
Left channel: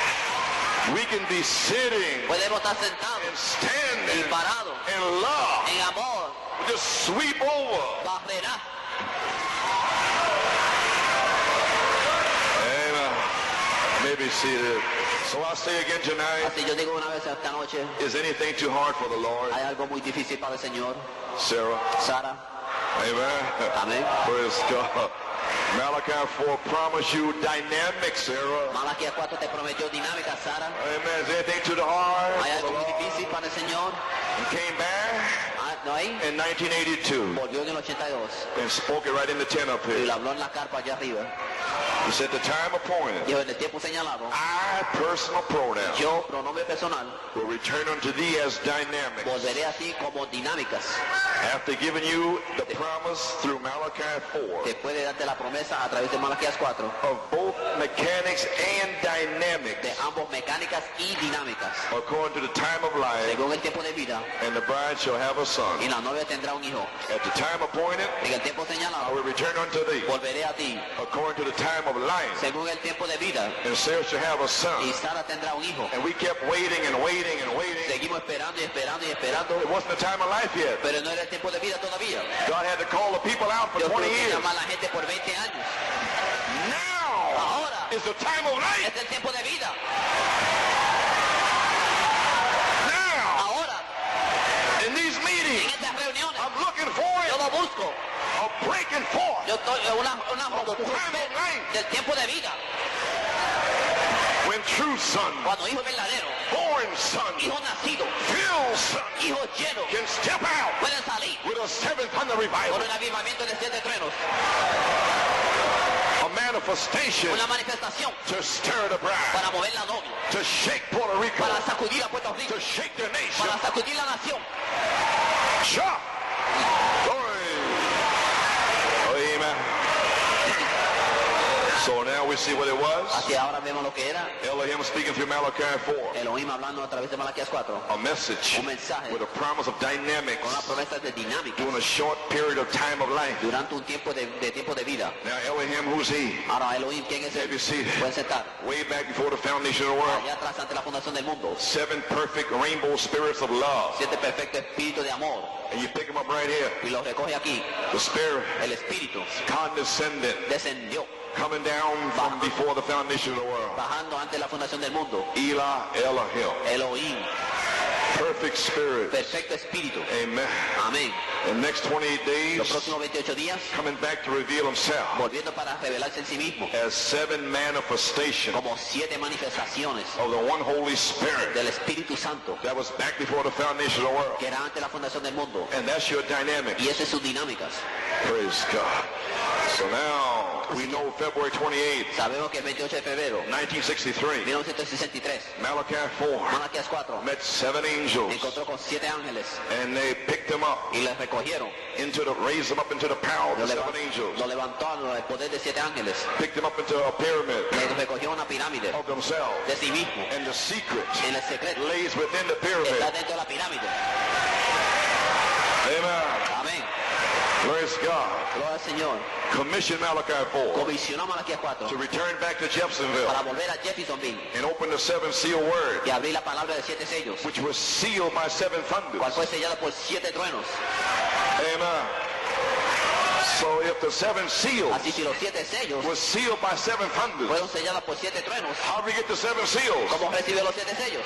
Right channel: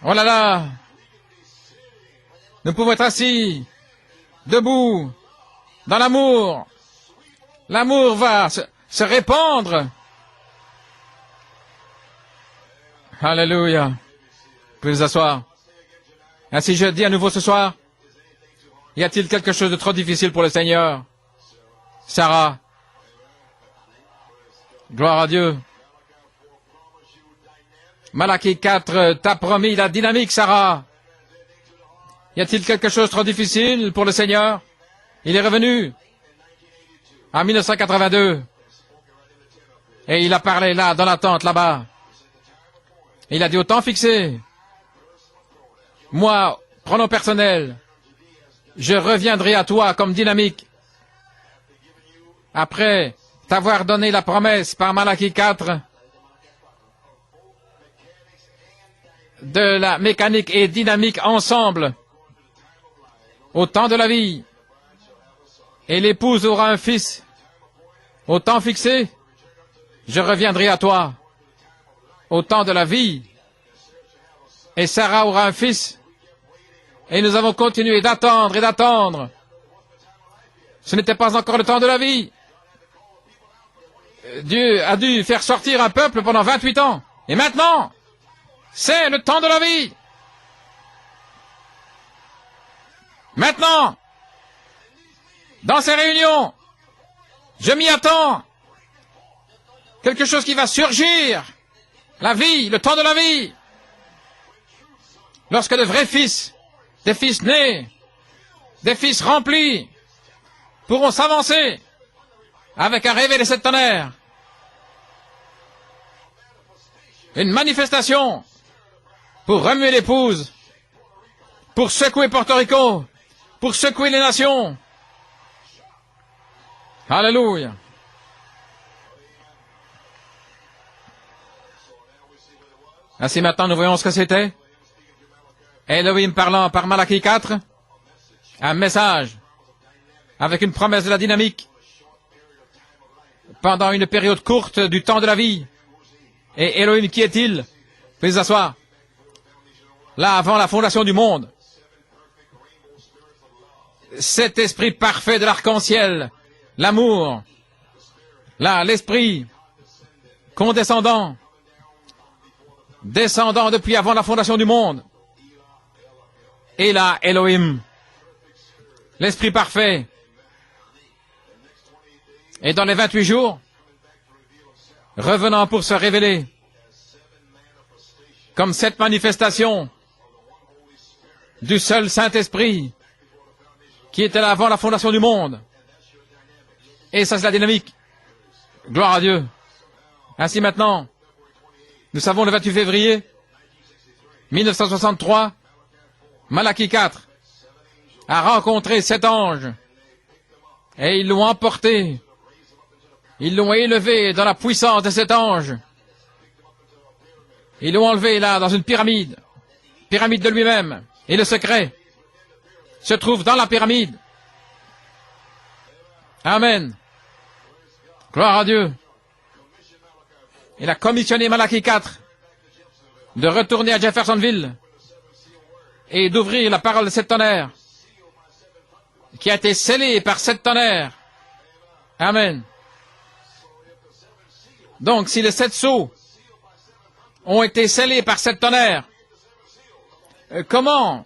Oh là là, nous pouvons être assis, debout, dans l'amour. L'amour va se répandre. Alléluia. Vous pouvez vous asseoir. Ainsi je dis à nouveau ce soir, y a-t-il quelque chose de trop difficile pour le Seigneur? Sarah. Gloire à Dieu. Malachie 4 t'a promis la dynamique, Sarah. Y a-t-il quelque chose de trop difficile pour le Seigneur? Il est revenu en 1982 et il a parlé là, dans la tente, là-bas. Il a dit au temps fixé, moi, pronom personnel, je reviendrai à toi comme dynamique. Après t'avoir donné la promesse par Malachie 4 de la mécanique et dynamique ensemble au temps de la vie, et l'épouse aura un fils au temps fixé, je reviendrai à toi au temps de la vie, et Sarah aura un fils, et nous avons continué d'attendre et d'attendre. Ce n'était pas encore le temps de la vie. Dieu a dû faire sortir un peuple pendant 28 ans. Et maintenant, c'est le temps de la vie. Maintenant, dans ces réunions, je m'y attends. Quelque chose qui va surgir. La vie, le temps de la vie. Lorsque de vrais fils, des fils nés, des fils remplis, pourront s'avancer avec un réveil de sept tonnerres. Une manifestation pour remuer l'épouse, pour secouer Porto Rico, pour secouer les nations. Alléluia. Ainsi maintenant nous voyons ce que c'était. Elohim parlant par Malachie 4, un message avec une promesse de la dynamique pendant une période courte du temps de la vie. Et Elohim, qui est-il? Veuillez vous asseoir. Là, avant la fondation du monde, cet esprit parfait de l'arc-en-ciel, l'amour, là, l'esprit condescendant, descendant depuis avant la fondation du monde. Et là, Elohim, l'esprit parfait. Et dans les 28 jours, revenant pour se révéler comme cette manifestation du seul Saint-Esprit qui était là avant la fondation du monde. Et ça, c'est la dynamique. Gloire à Dieu. Ainsi maintenant, nous savons le 28 février 1963, Malachie 4 a rencontré 7 anges et ils l'ont emporté. Ils l'ont élevé dans la puissance de cet ange. Ils l'ont enlevé là dans une pyramide de lui-même. Et le secret se trouve dans la pyramide. Amen. Gloire à Dieu. Il a commissionné Malachie 4 de retourner à Jeffersonville et d'ouvrir la parole de 7 tonnerres qui a été scellée par 7 tonnerres. Amen. Donc, si les 7 sceaux ont été scellés par 7 tonnerres, comment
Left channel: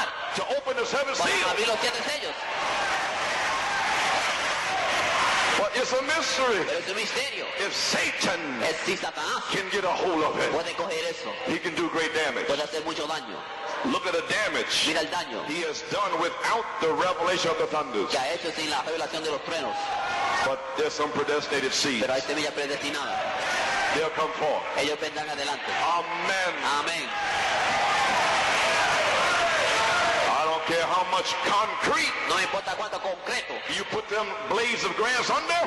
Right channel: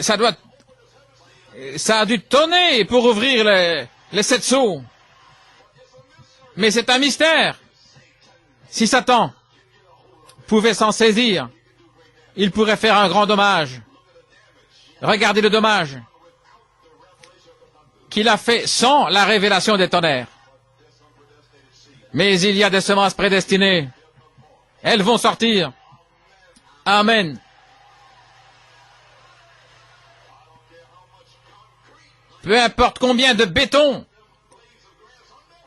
ça a dû tonner pour ouvrir les 7 sceaux. Mais c'est un mystère. Si Satan pouvait s'en saisir, il pourrait faire un grand dommage. Regardez le dommage qu'il a fait sans la révélation des tonnerres. Mais il y a des semences prédestinées. Elles vont sortir. Amen. Peu importe combien de béton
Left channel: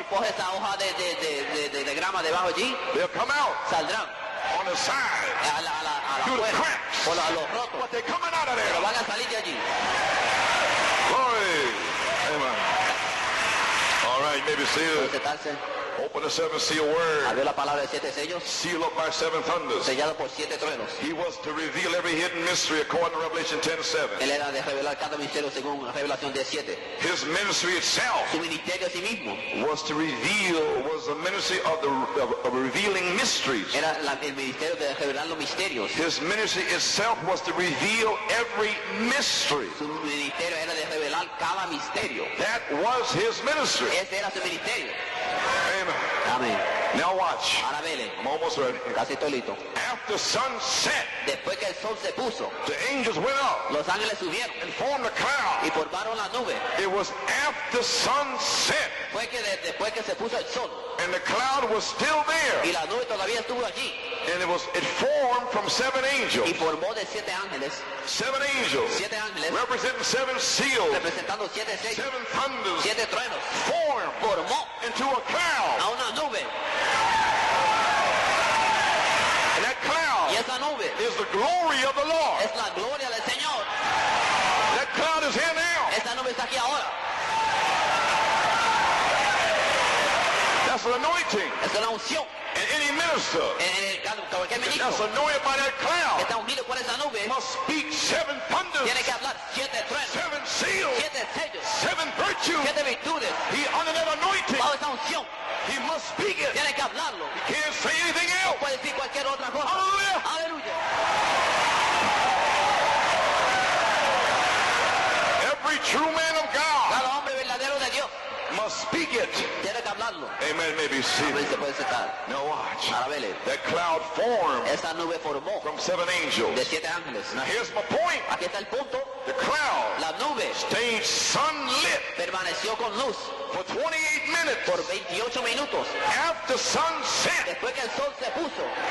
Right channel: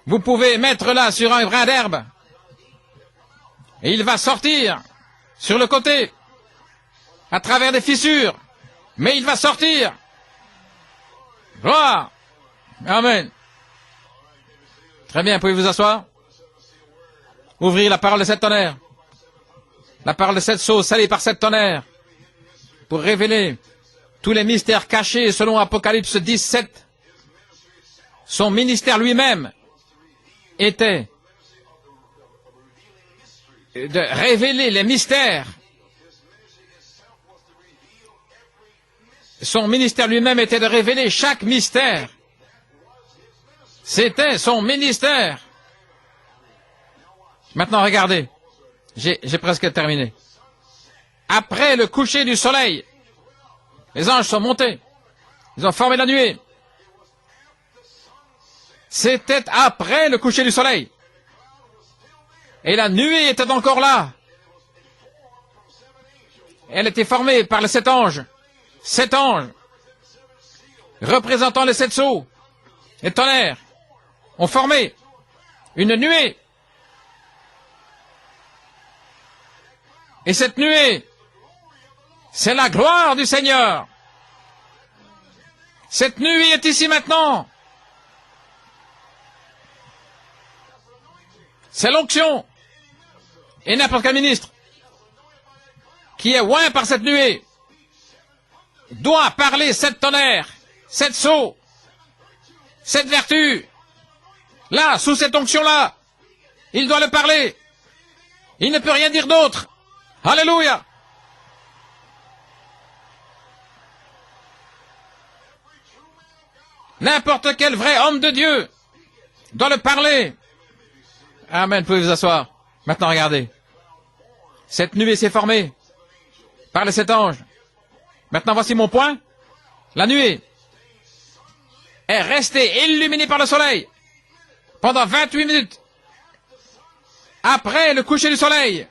vous pouvez mettre là sur un brin d'herbe, il va sortir sur le côté, à travers des fissures, mais il va sortir. Gloire. Amen. Très bien, pouvez-vous asseoir? Ouvrir la parole de 7 tonnerres. La parole de 7 sceaux scellée par 7 tonnerres pour révéler tous les mystères cachés selon Apocalypse 17. Son ministère lui-même était de révéler les mystères. Son ministère lui-même était de révéler chaque mystère. C'était son ministère. Maintenant, regardez. J'ai presque terminé. Après le coucher du soleil, les anges sont montés. Ils ont formé la nuée. C'était après le coucher du soleil. Et la nuée était encore là. Elle était formée par les 7 anges. 7 anges, représentant les 7 sceaux, les tonnerres, ont formé une nuée. Et cette nuée, c'est la gloire du Seigneur. Cette nuée est ici maintenant. C'est l'onction. Et n'importe quel ministre qui est oint par cette nuée doit parler 7 tonnerres, 7 sceaux, 7 vertus. Là, sous cette onction-là, il doit le parler. Il ne peut rien dire d'autre. Alléluia. N'importe quel vrai homme de Dieu doit le parler. Amen, pouvez vous asseoir. Maintenant, regardez. Cette nuée s'est formée par les 7 anges. Maintenant, voici mon point. La nuée est resté illuminé par le soleil pendant 28 minutes après le coucher du soleil.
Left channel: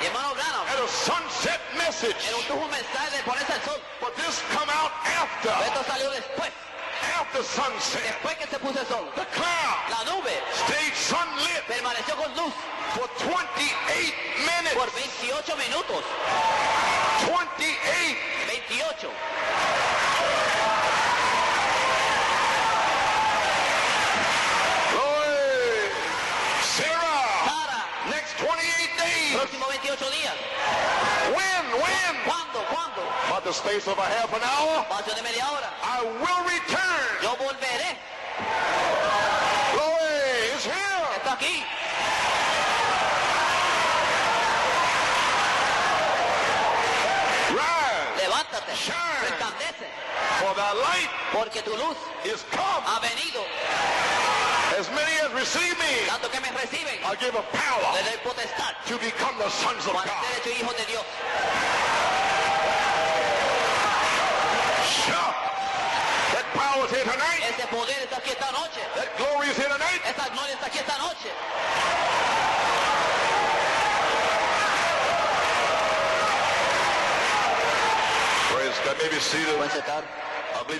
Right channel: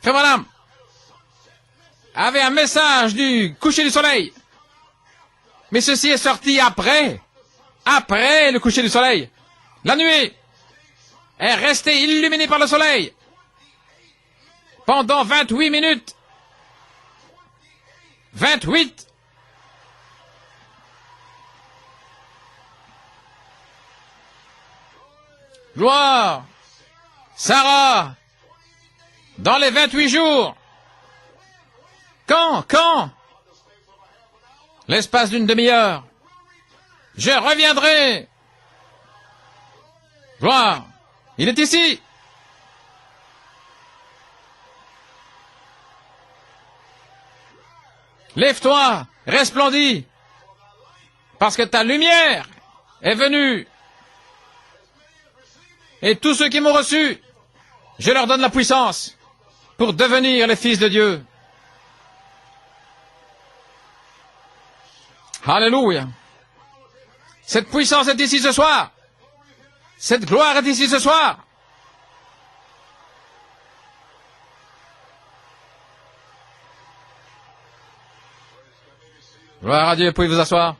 Frère Branham avait un message du coucher du soleil. Mais ceci est sorti après le coucher du soleil. La nuée est restée illuminée par le soleil pendant 28 minutes. 28. Gloire. Sarah, dans les 28 jours. Quand l'espace d'une demi-heure, je reviendrai. Gloire. Il est ici. Lève-toi, resplendis, parce que ta lumière est venue. Et tous ceux qui m'ont reçu, je leur donne la puissance pour devenir les fils de Dieu. Alléluia. Cette puissance est ici ce soir. Cette gloire est ici ce soir. Gloire à Dieu, pouvez vous asseoir.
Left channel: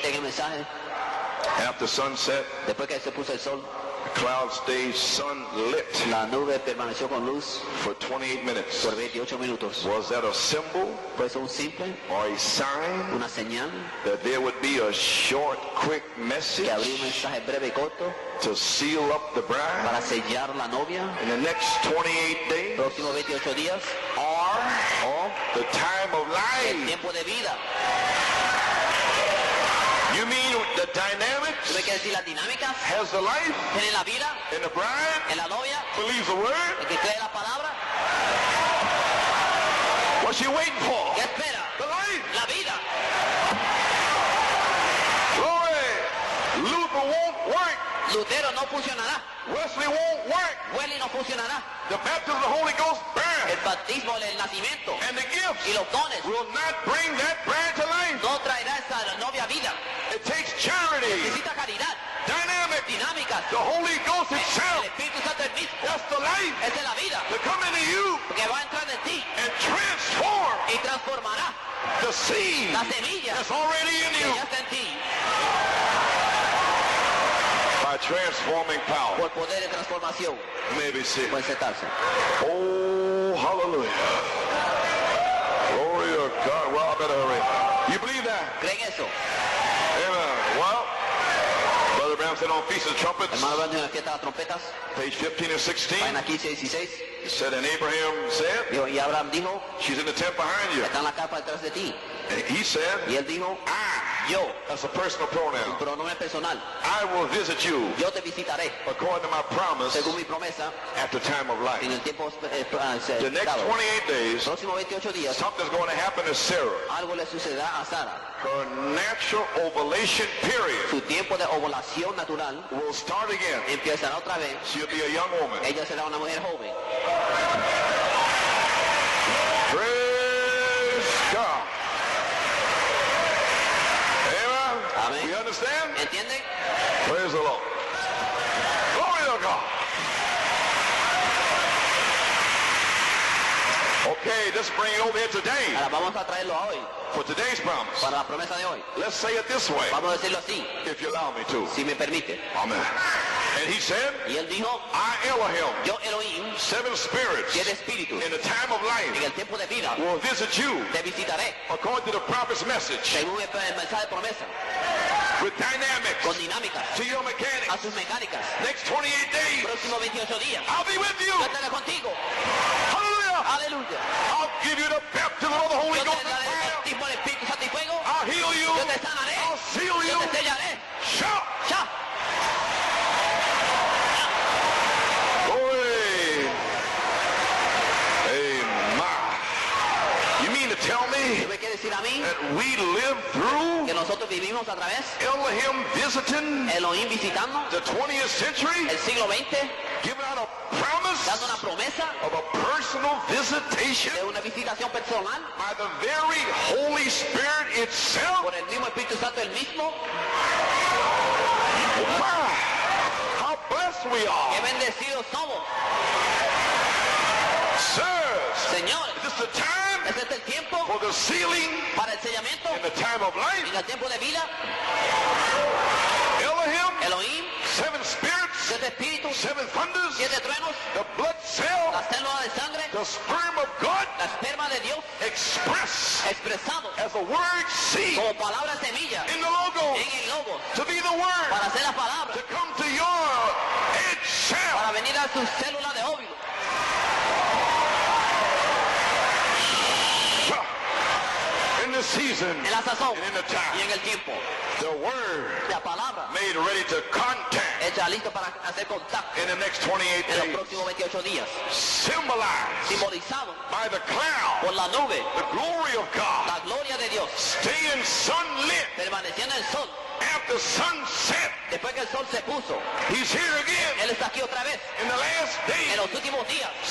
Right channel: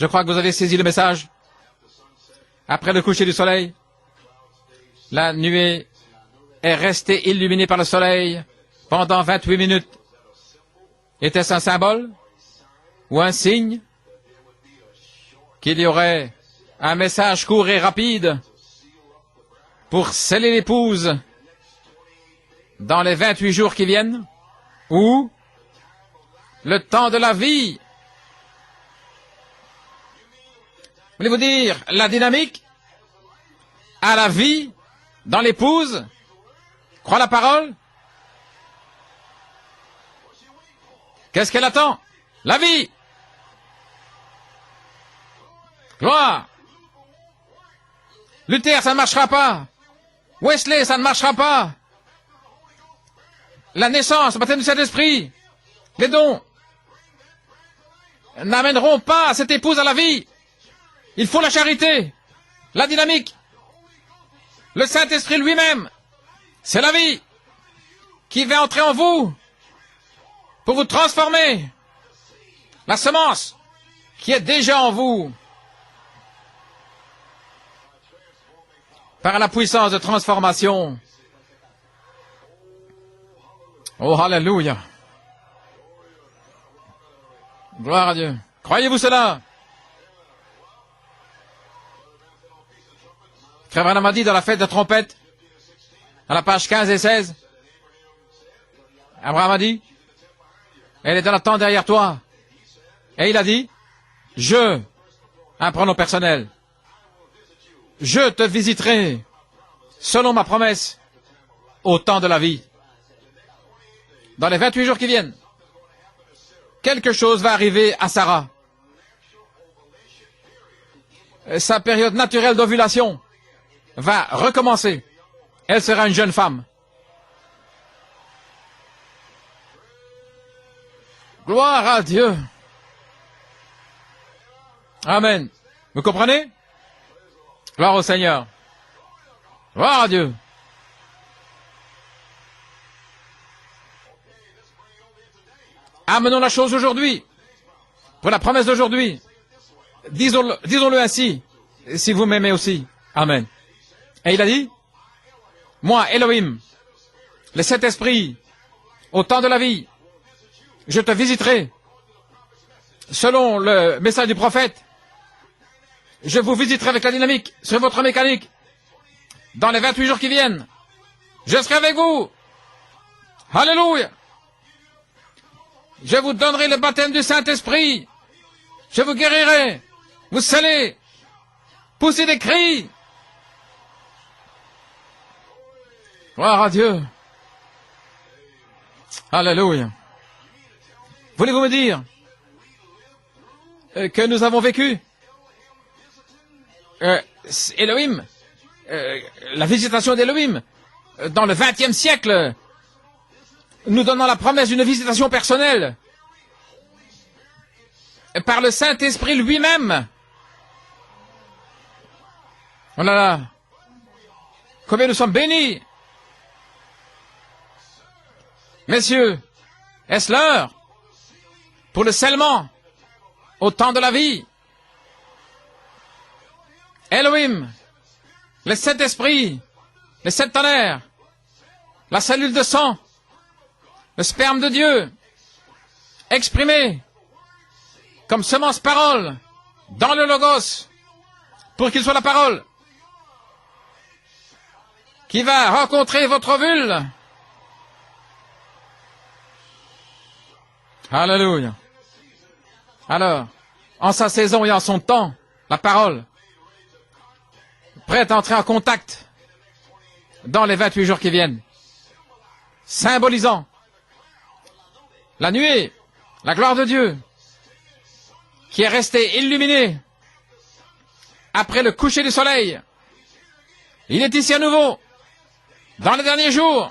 Je crois que vous avez saisi le message. Après le coucher du soleil, la nuée est restée illuminée par le soleil pendant 28 minutes. Était-ce un symbole ou un signe qu'il y aurait un message court et rapide pour sceller l'épouse dans les 28 jours qui viennent, ou le temps de la vie? Voulez-vous dire la dynamique à la vie dans l'épouse, croit la parole? Qu'est-ce qu'elle attend? La vie. Gloire. Luther, ça ne marchera pas. Wesley, ça ne marchera pas. La naissance, le baptême du Saint-Esprit, les dons n'amèneront pas cette épouse à la vie. Il faut la charité, la dynamique, le Saint-Esprit lui-même. C'est la vie qui va entrer en vous pour vous transformer. La semence qui est déjà en vous par la puissance de transformation. Oh, alléluia. Gloire à Dieu. Croyez-vous cela? Frère Branham a dit dans la fête de trompette, à la page 15 et 16, Abraham a dit, elle est dans la tente derrière toi. Et il a dit, un pronom personnel, je te visiterai selon ma promesse au temps de la vie. Dans les 28 jours qui viennent, quelque chose va arriver à Sarah. Sa période naturelle d'ovulation va recommencer. Elle sera une jeune femme. Gloire à Dieu. Amen. Vous comprenez? Gloire au Seigneur. Gloire à Dieu. Amenons la chose aujourd'hui, pour la promesse d'aujourd'hui. Disons-le ainsi, si vous m'aimez aussi. Amen. Et il a dit, moi, Elohim, les 7 esprits, au temps de la vie, je te visiterai. Selon le message du prophète, je vous visiterai avec la dynamique sur votre mécanique. Dans les 28 jours qui viennent, je serai avec vous. Alléluia. Je vous donnerai le baptême du Saint-Esprit. Je vous guérirai. Vous scellez. Poussez des cris. Gloire à Dieu. Alléluia. Voulez-vous me dire que nous avons vécu Elohim, la visitation d'Elohim dans le 20e siècle, nous donnant la promesse d'une visitation personnelle par le Saint-Esprit lui-même. Oh là là, combien nous sommes bénis. Messieurs, est-ce l'heure pour le scellement au temps de la vie? Elohim, les 7 esprits, les 7 tonnerres, la cellule de sang, le sperme de Dieu, exprimé comme semence parole dans le Logos, pour qu'il soit la parole qui va rencontrer votre ovule. Alléluia. Alors, en sa saison et en son temps, la parole, prête à entrer en contact dans les 28 jours qui viennent, symbolisant la nuée, la gloire de Dieu, qui est restée illuminée après le coucher du soleil. Il est ici à nouveau, dans les derniers jours,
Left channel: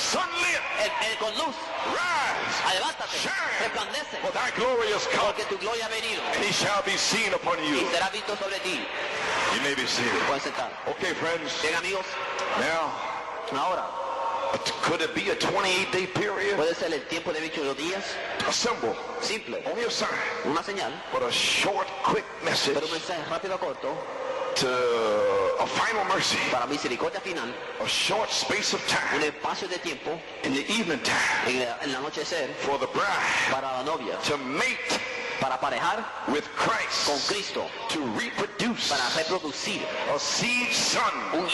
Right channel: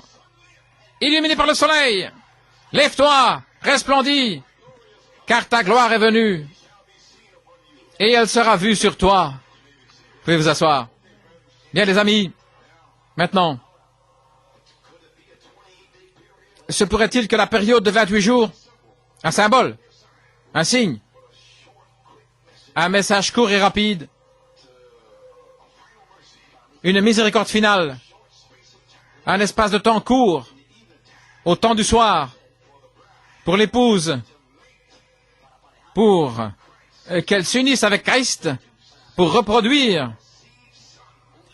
illuminé par le soleil. Lève-toi, resplendis, car ta gloire est venue, et elle sera vue sur toi. Vous pouvez vous asseoir. Bien, les amis, maintenant, se pourrait-il que la période de 28 jours, un symbole, un signe, un message court et rapide, une miséricorde finale, un espace de temps court, au temps du soir, pour l'épouse, pour qu'elle s'unisse avec Christ, pour reproduire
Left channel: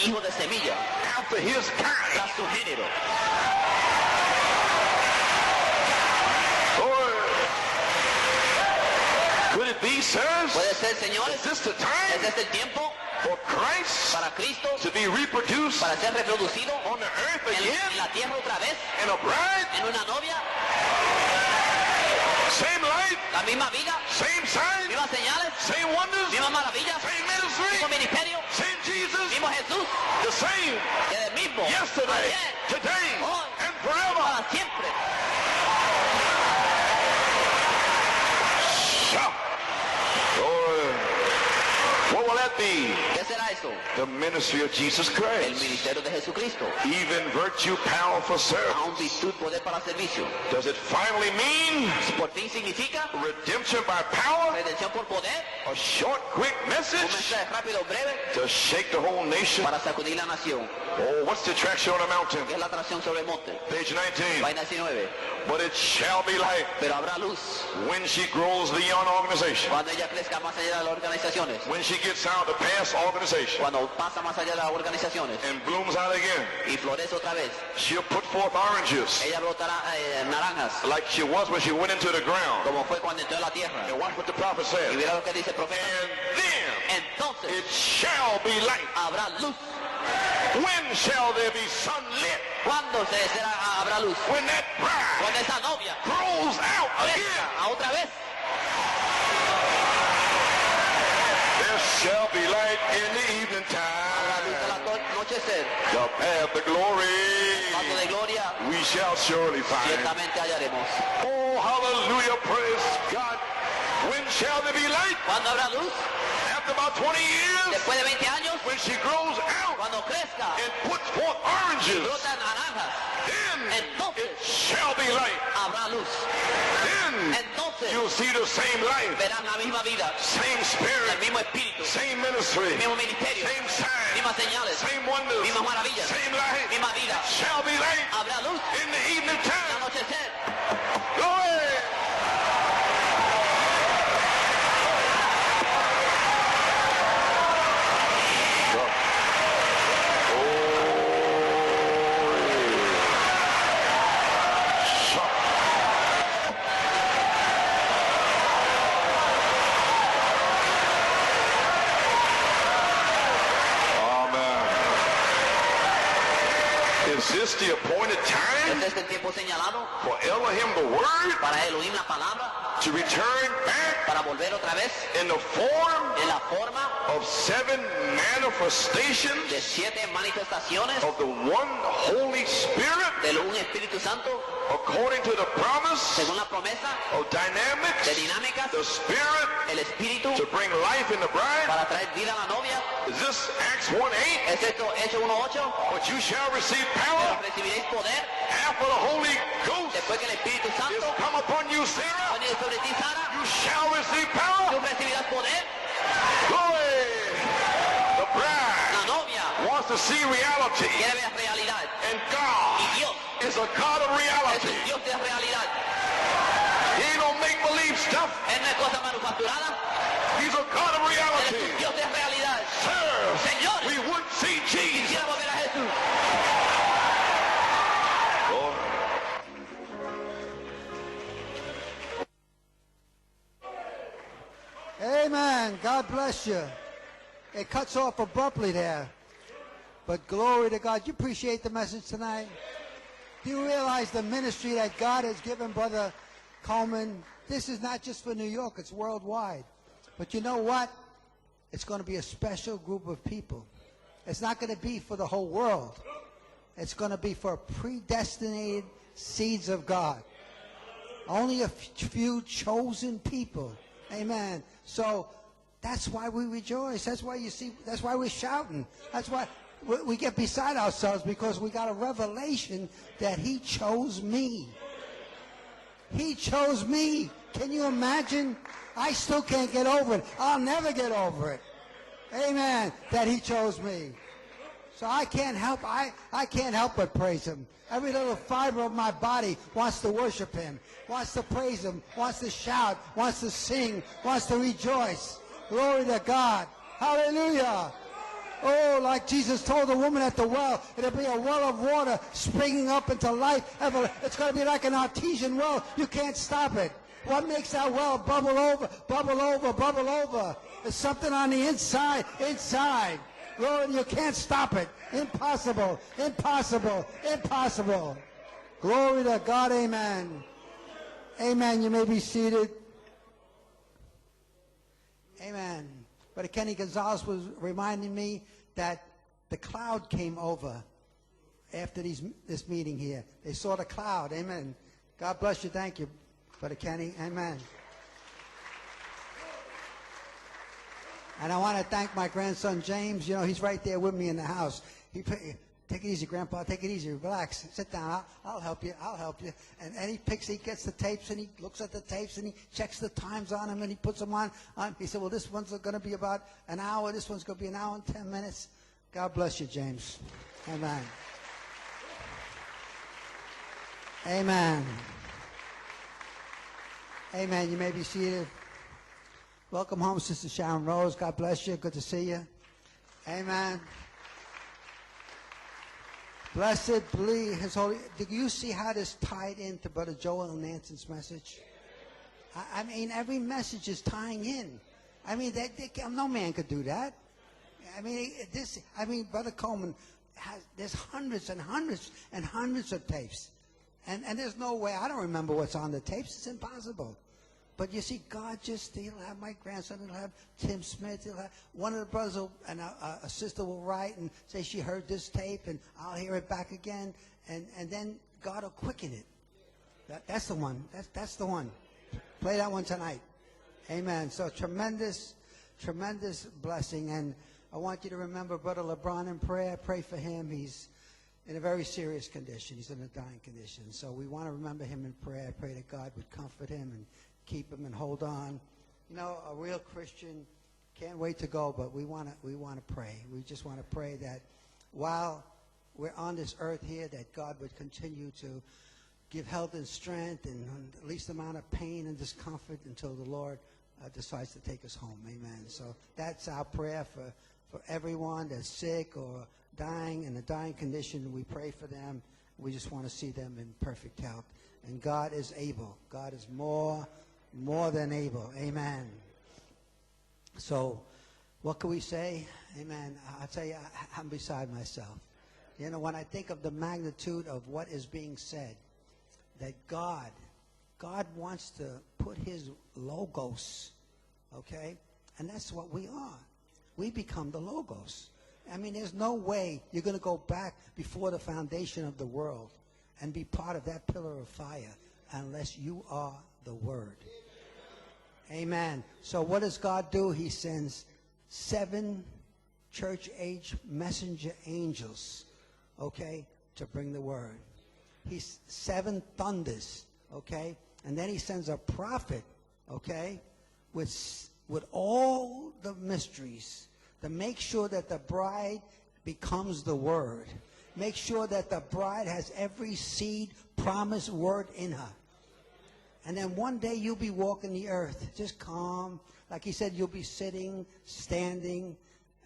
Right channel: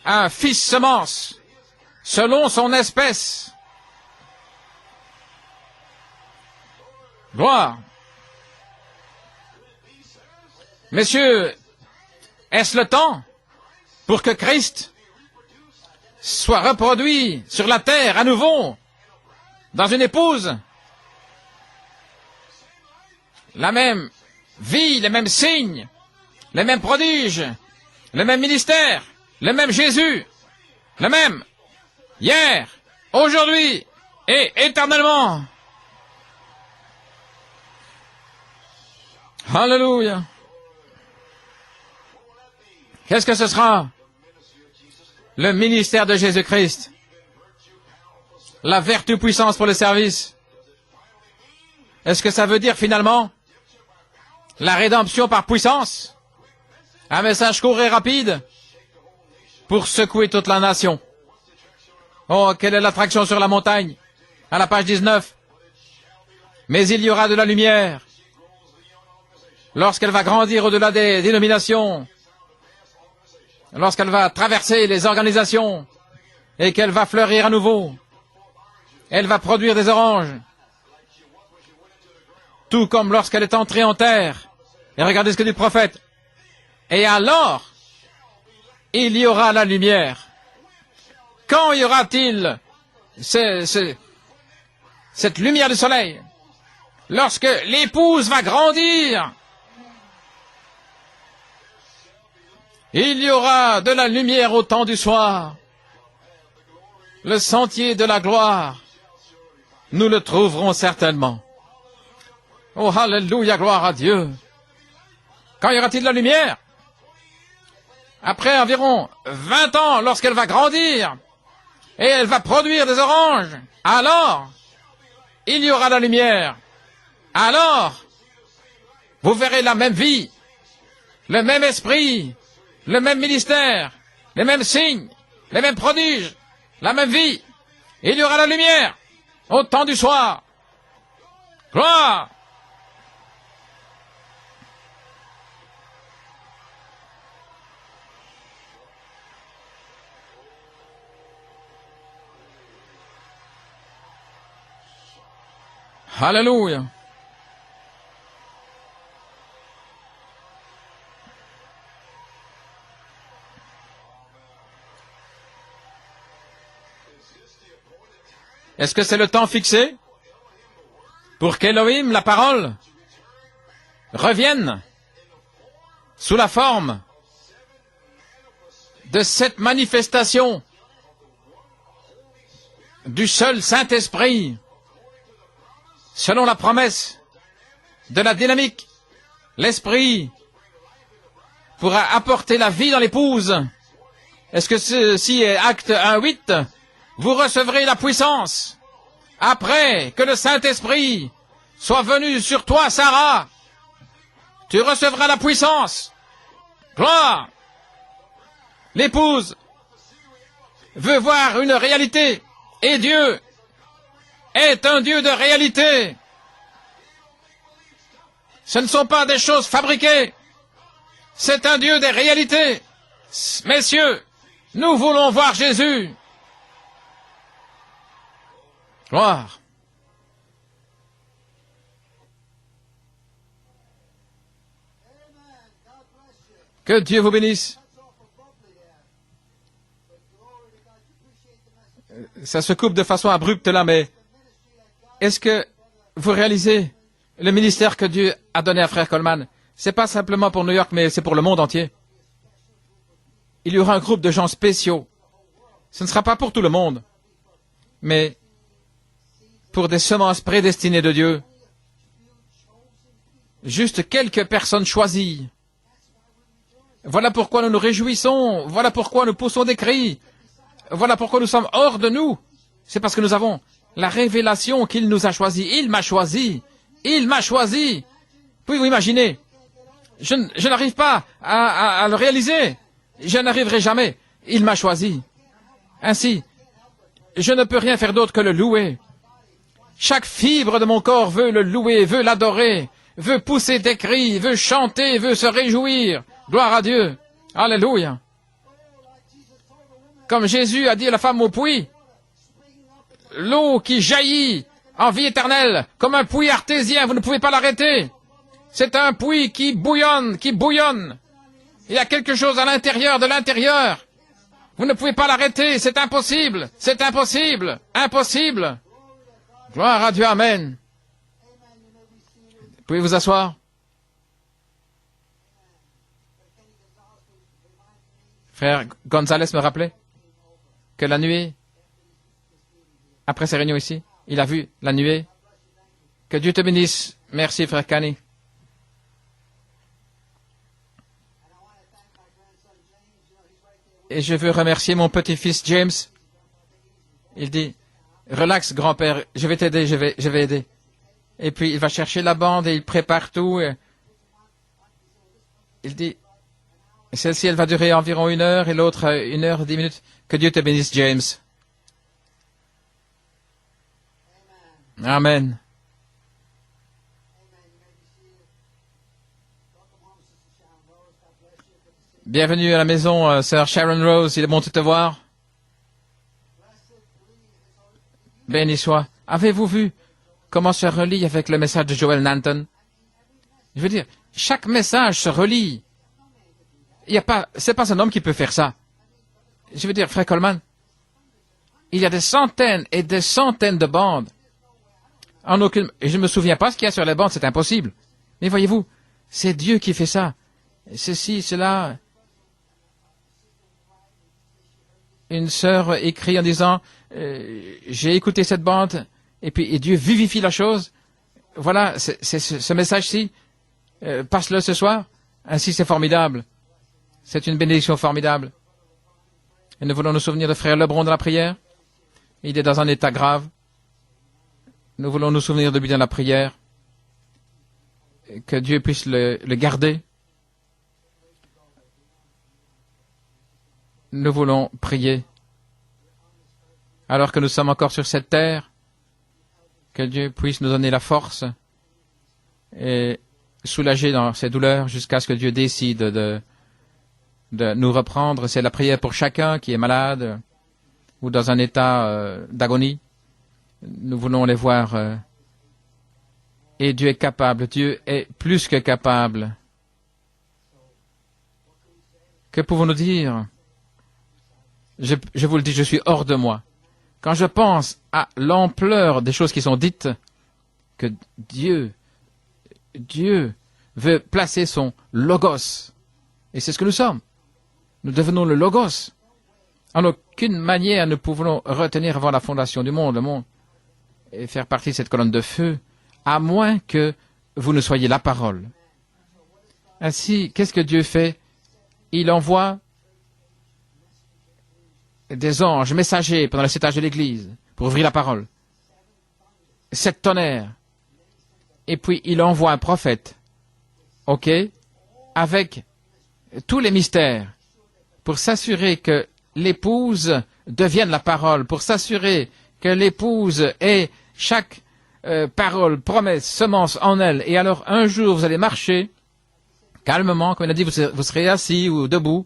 un fils semence, selon son espèce. Gloire. Messieurs, est-ce le temps pour que Christ soit reproduit sur la terre à nouveau dans une épouse? La même vie, les mêmes signes, les mêmes prodiges, le même ministère, le même Jésus, le même hier, aujourd'hui et éternellement. Alléluia. Qu'est-ce que ce sera? Le ministère de Jésus-Christ. La vertu puissance pour le service. Est-ce que ça veut dire finalement la rédemption par puissance? Un message court et rapide pour secouer toute la nation. Oh, quelle est l'attraction sur la montagne? À la page 19. Mais il y aura de la lumière lorsqu'elle va grandir au-delà des dénominations, lorsqu'elle va traverser les organisations et qu'elle va fleurir à nouveau. Elle va produire des oranges, tout comme lorsqu'elle est entrée en terre. Et regardez ce que dit le prophète. Et alors, il y aura la lumière. Quand y aura-t-il cette lumière du soleil? Lorsque l'épouse va grandir, il y aura de la lumière au temps du soir. Le sentier de la gloire, nous le trouverons certainement. Oh, alléluia, gloire à Dieu. Quand y aura-t-il de la lumière? Après environ 20 ans, lorsqu'elle va grandir et elle va produire des oranges, alors il y aura la lumière. Alors, vous verrez la même vie, le même esprit, le même ministère, les mêmes signes, les mêmes prodiges, la même vie. Il y aura la lumière au temps du soir. Gloire! Alléluia. Est-ce que c'est le temps fixé pour qu'Elohim, la parole, revienne sous la forme de cette manifestation du seul Saint-Esprit, selon la promesse de la dynamique l'Esprit pourra apporter la vie dans l'épouse. Est-ce que ceci est Acte 1:8? Vous recevrez la puissance après que le Saint-Esprit soit venu sur toi, Sarah. Tu recevras la puissance. Gloire. L'épouse veut voir une réalité. Et Dieu est un Dieu de réalité. Ce ne sont pas des choses fabriquées. C'est un Dieu des réalités. Messieurs, nous voulons voir Jésus. Gloire. Amen. God bless you. Que Dieu vous bénisse. Ça se coupe de façon abrupte là, mais est-ce que vous réalisez le ministère que Dieu a donné à Frère Coleman? Ce n'est pas simplement pour New York, mais c'est pour le monde entier. Il y aura un groupe de gens spéciaux. Ce ne sera pas pour tout le monde, mais pour des semences prédestinées de Dieu. Juste quelques personnes choisies. Voilà pourquoi nous nous réjouissons, voilà pourquoi nous poussons des cris, voilà pourquoi nous sommes hors de nous. C'est parce que nous avons la révélation qu'il nous a choisis. Il m'a choisi, il m'a choisi. Pouvez-vous imaginer? Je n'arrive pas à le réaliser, je n'arriverai jamais. Il m'a choisi. Ainsi, je ne peux rien faire d'autre que le louer. Chaque fibre de mon corps veut le louer, veut l'adorer, veut pousser des cris, veut chanter, veut se réjouir. Gloire à Dieu. Alléluia. Comme Jésus a dit à la femme au puits, l'eau qui jaillit en vie éternelle, comme un puits artésien, vous ne pouvez pas l'arrêter. C'est un puits qui bouillonne, qui bouillonne. Il y a quelque chose à l'intérieur de l'intérieur. Vous ne pouvez pas l'arrêter, c'est impossible, c'est impossible, impossible. Gloire à Dieu, Amen. Pouvez vous asseoir? Frère Gonzalez me rappelait que la nuée, après ces réunions ici, il a vu la nuée. Que Dieu te bénisse. Merci, frère Kenny. Et je veux remercier mon petit-fils James. Il dit, relax grand-père, je vais t'aider, je vais aider. Et puis il va chercher la bande et il prépare tout. Il dit, celle-ci elle va durer environ 1 heure et l'autre 1 heure et 10 minutes. Que Dieu te bénisse, James. Amen. Bienvenue à la maison, sœur Sharon Rose. Il est bon de te voir. Béni soit. Avez-vous vu comment se relie avec le message de Joel Nanton? Je veux dire, chaque message se relie. C'est pas un homme qui peut faire ça. Je veux dire, frère Coleman, il y a des centaines et des centaines de bandes. Et je ne me souviens pas ce qu'il y a sur les bandes, c'est impossible. Mais voyez-vous, c'est Dieu qui fait ça. Ceci, cela. Une sœur écrit en disant, j'ai écouté cette bande, et puis Dieu vivifie la chose. Voilà, c'est ce message-ci. Passe-le ce soir. Ainsi, c'est formidable. C'est une bénédiction formidable. Et nous voulons nous souvenir de frère Lebron dans la prière. Il est dans un état grave. Nous voulons nous souvenir de lui dans la prière. Que Dieu puisse le garder. Nous voulons prier. Alors que nous sommes encore sur cette terre, que Dieu puisse nous donner la force et soulager dans ces douleurs jusqu'à ce que Dieu décide de nous reprendre. C'est la prière pour chacun qui est malade ou dans un état d'agonie. Nous voulons les voir. Et Dieu est capable. Dieu est plus que capable. Que pouvons-nous dire? Je vous le dis, je suis hors de moi. Quand je pense à l'ampleur des choses qui sont dites, que Dieu veut placer son logos. Et c'est ce que nous sommes. Nous devenons le logos. En aucune manière nous pouvons retenir avant la fondation du monde, le monde, et faire partie de cette colonne de feu, à moins que vous ne soyez la parole. Ainsi, qu'est-ce que Dieu fait? Il envoie des anges messagers pendant le 7 âges de l'Église pour ouvrir la parole. 7 tonnerres. Et puis, il envoie un prophète, ok, avec tous les mystères, pour s'assurer que l'épouse devienne la parole, pour s'assurer que l'épouse ait chaque parole, promesse, semence en elle. Et alors, un jour, vous allez marcher calmement, comme il a dit, vous serez assis ou debout,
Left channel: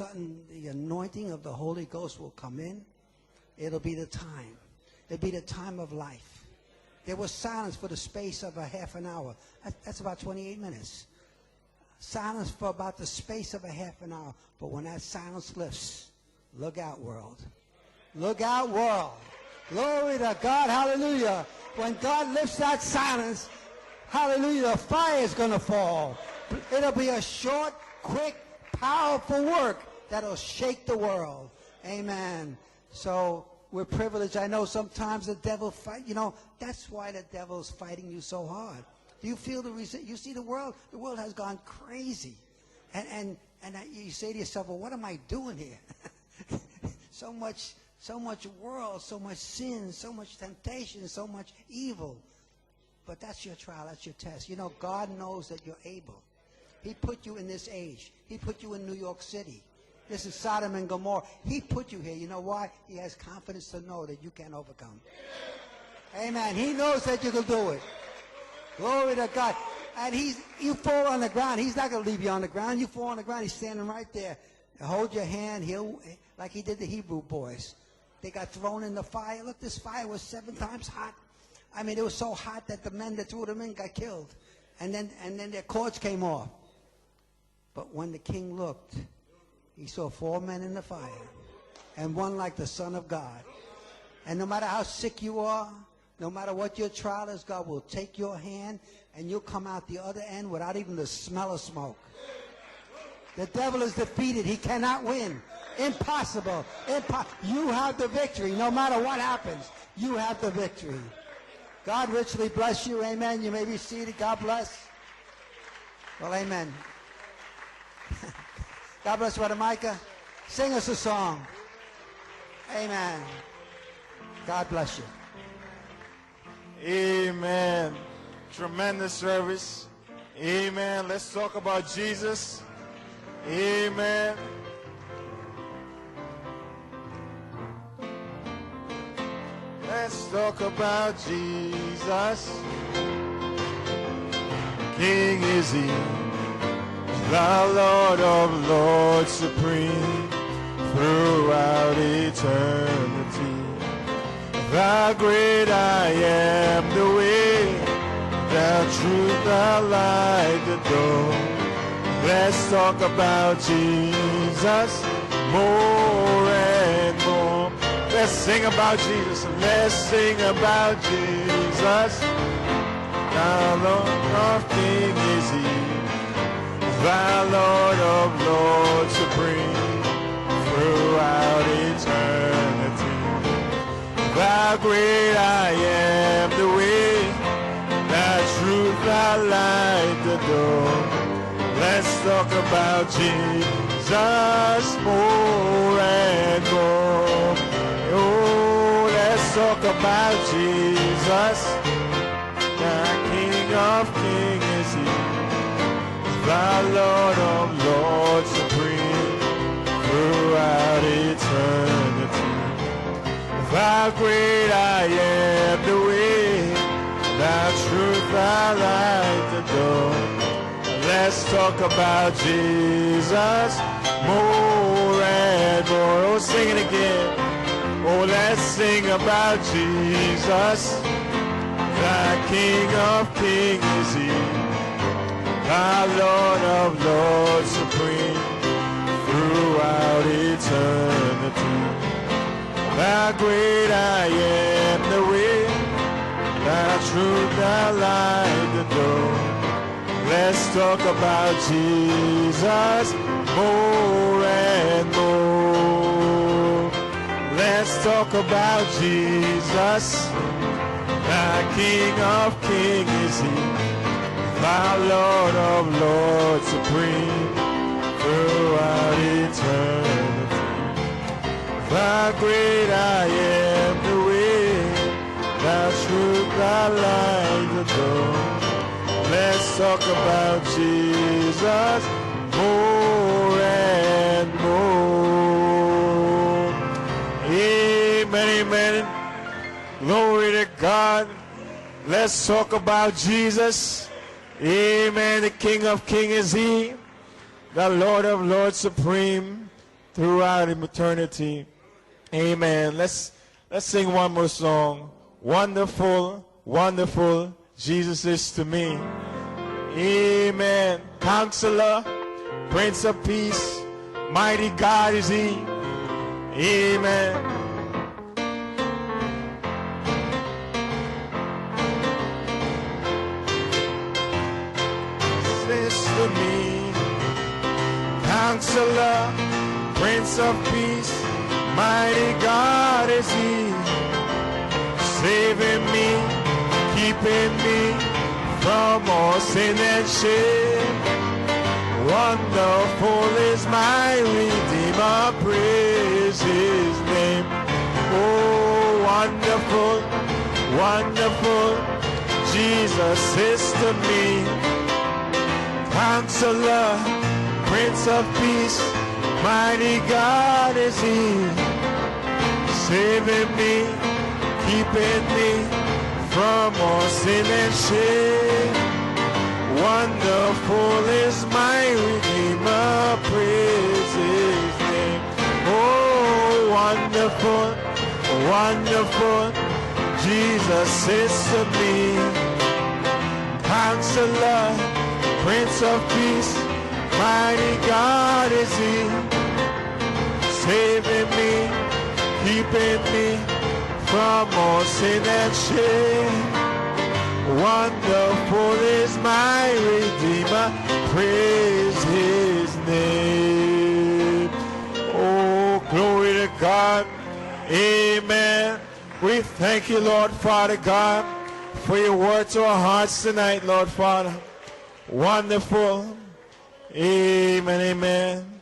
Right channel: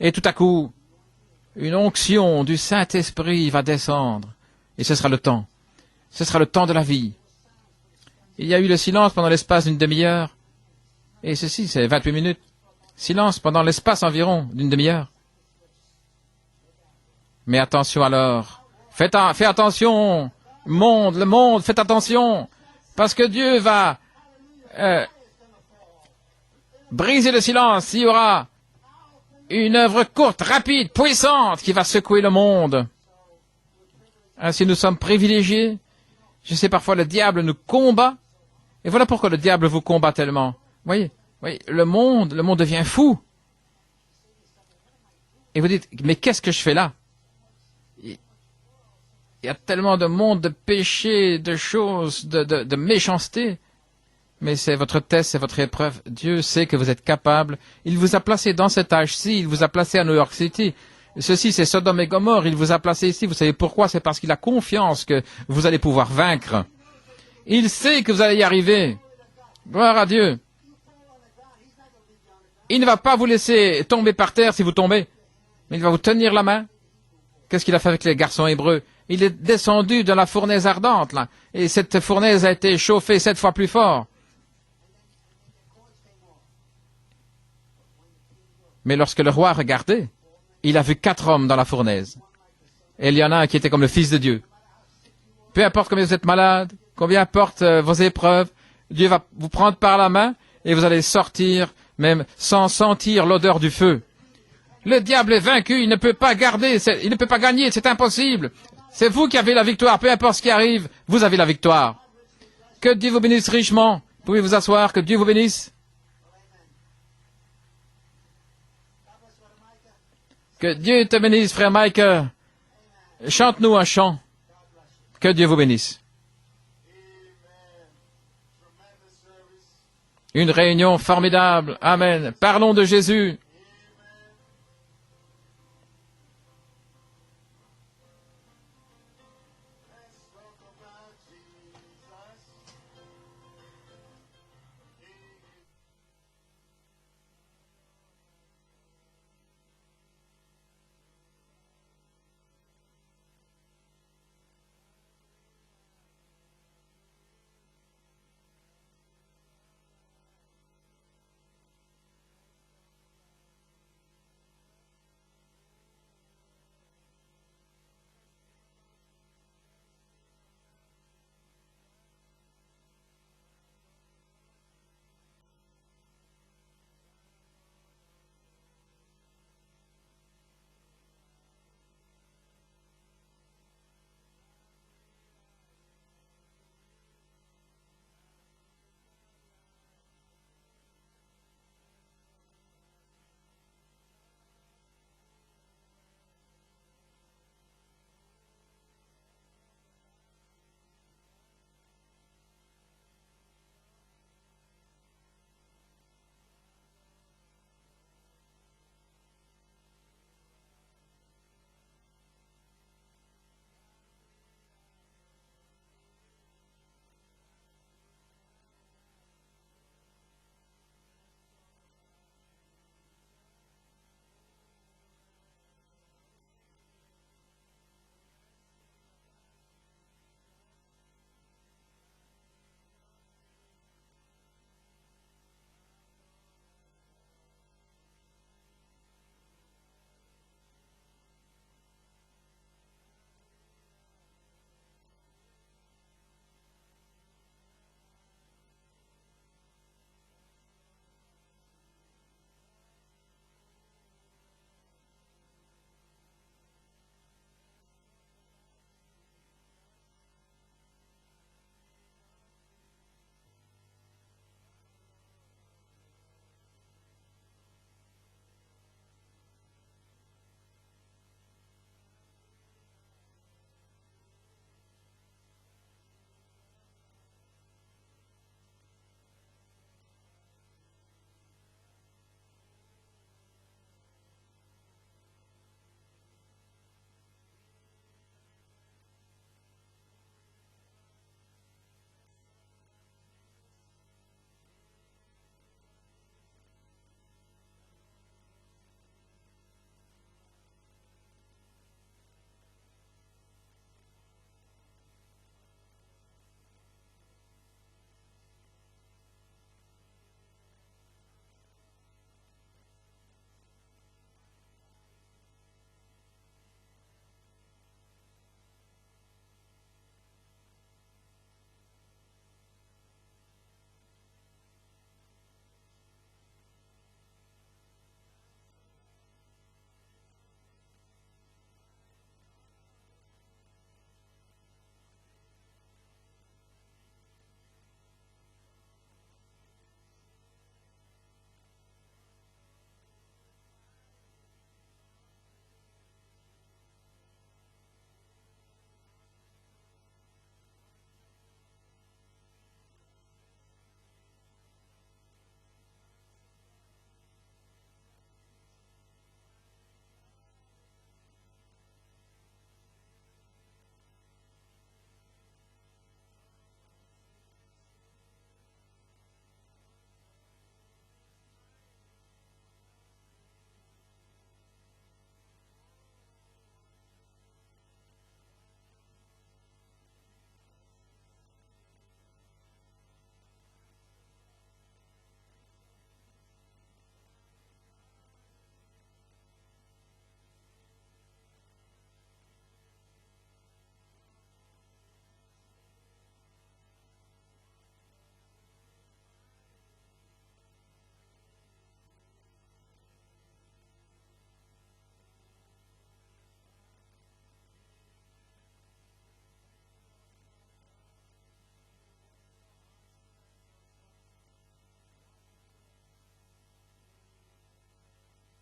et tout à coup, une onction du Saint-Esprit va descendre. Et ce sera le temps. Ce sera le temps de la vie. Il y a eu le silence pendant l'espace d'une demi-heure. Et ceci, c'est 28 minutes. Silence pendant l'espace environ d'une demi-heure. Mais attention alors. Fais attention. Le monde, faites attention. Parce que Dieu va briser le silence. Il y aura une œuvre courte, rapide, puissante qui va secouer le monde. Ainsi, nous sommes privilégiés. Je sais, parfois, le diable nous combat. Et voilà pourquoi le diable vous combat tellement. Oui, le monde devient fou. Et vous dites, mais qu'est-ce que je fais là? Il y a tellement de monde, de péché, de choses, de méchanceté. Mais c'est votre test, c'est votre épreuve. Dieu sait que vous êtes capable. Il vous a placé dans cet âge-ci, il vous a placé à New York City. Ceci, c'est Sodome et Gomorrhe. Il vous a placé ici. Vous savez pourquoi? C'est parce qu'il a confiance que vous allez pouvoir vaincre. Il sait que vous allez y arriver. Gloire à Dieu. Il ne va pas vous laisser tomber par terre si vous tombez. Il va vous tenir la main. Qu'est-ce qu'il a fait avec les garçons hébreux? Il est descendu dans la fournaise ardente, là. Et cette fournaise a été chauffée 7 fois plus fort. Mais lorsque le roi regardait, il a vu 4 hommes dans la fournaise. Et il y en a un qui était comme le Fils de Dieu. Peu importe combien vous êtes malade, combien importe vos épreuves, Dieu va vous prendre par la main et vous allez sortir même sans sentir l'odeur du feu. Le diable est vaincu, il ne peut pas garder, il ne peut pas gagner, c'est impossible. C'est vous qui avez la victoire, peu importe ce qui arrive, vous avez la victoire. Que Dieu vous bénisse richement. Vous pouvez vous asseoir, que Dieu vous bénisse. Que Dieu te bénisse, frère Mike. Chante-nous un chant. Que Dieu vous bénisse. Amen. Tremendous service. Une réunion formidable. Amen. Parlons de Jésus. Amen. Let's talk about Jesus. King is He, the Lord of Lords, supreme throughout eternity. The great I am, the way, the truth, the light, the door. Let's talk about Jesus more and more. Let's sing about Jesus. Let's sing about Jesus. The Lord of Kings is He, the Lord of Lords, supreme throughout eternity. The great I am, the way, the truth, the light, the door. Let's talk about Jesus more and more. Oh, let's talk about Jesus. The King of Kings is He, the Lord of Lords, supreme throughout eternity. The great I am, the way, the truth, the light, the door. Let's talk about Jesus more and more. Oh, sing it again. Oh, let's sing about Jesus. The King of Kings is He, the Lord of Lords, supreme throughout eternity. The great I am, the way, the truth, the light, the door. Let's talk about Jesus more and more. Let's talk about Jesus. The King of Kings is He, Thou Lord of Lords supreme throughout eternity. Thou great I am, the way, thou truth, thou light, the door. Let's talk about Jesus more and more. Amen, amen. Glory to God. Let's talk about Jesus. Amen. The King of Kings is He. The Lord of Lords supreme throughout eternity. Amen. Let's sing one more song. Wonderful, wonderful Jesus is to me. Amen. Counselor, Prince of Peace, mighty God is He. Amen. To me, Counselor, Prince of Peace, mighty God is He, saving me, keeping me from all sin and shame. Wonderful is my Redeemer, praise His name. Oh, wonderful, wonderful, Jesus is to me. Counselor, Prince of Peace, mighty God is He, saving me, keeping me from all sin and shame. Wonderful is my Redeemer, praise His name. Oh, wonderful, wonderful, Jesus is to me. Counselor, Prince of Peace, mighty God is He, saving me, keeping me from all sin and shame. Wonderful is my Redeemer, praise His name. Oh, glory to God. Amen. We thank you, Lord Father God, for your word to our hearts tonight, Lord Father. Wonderful. Amen, amen.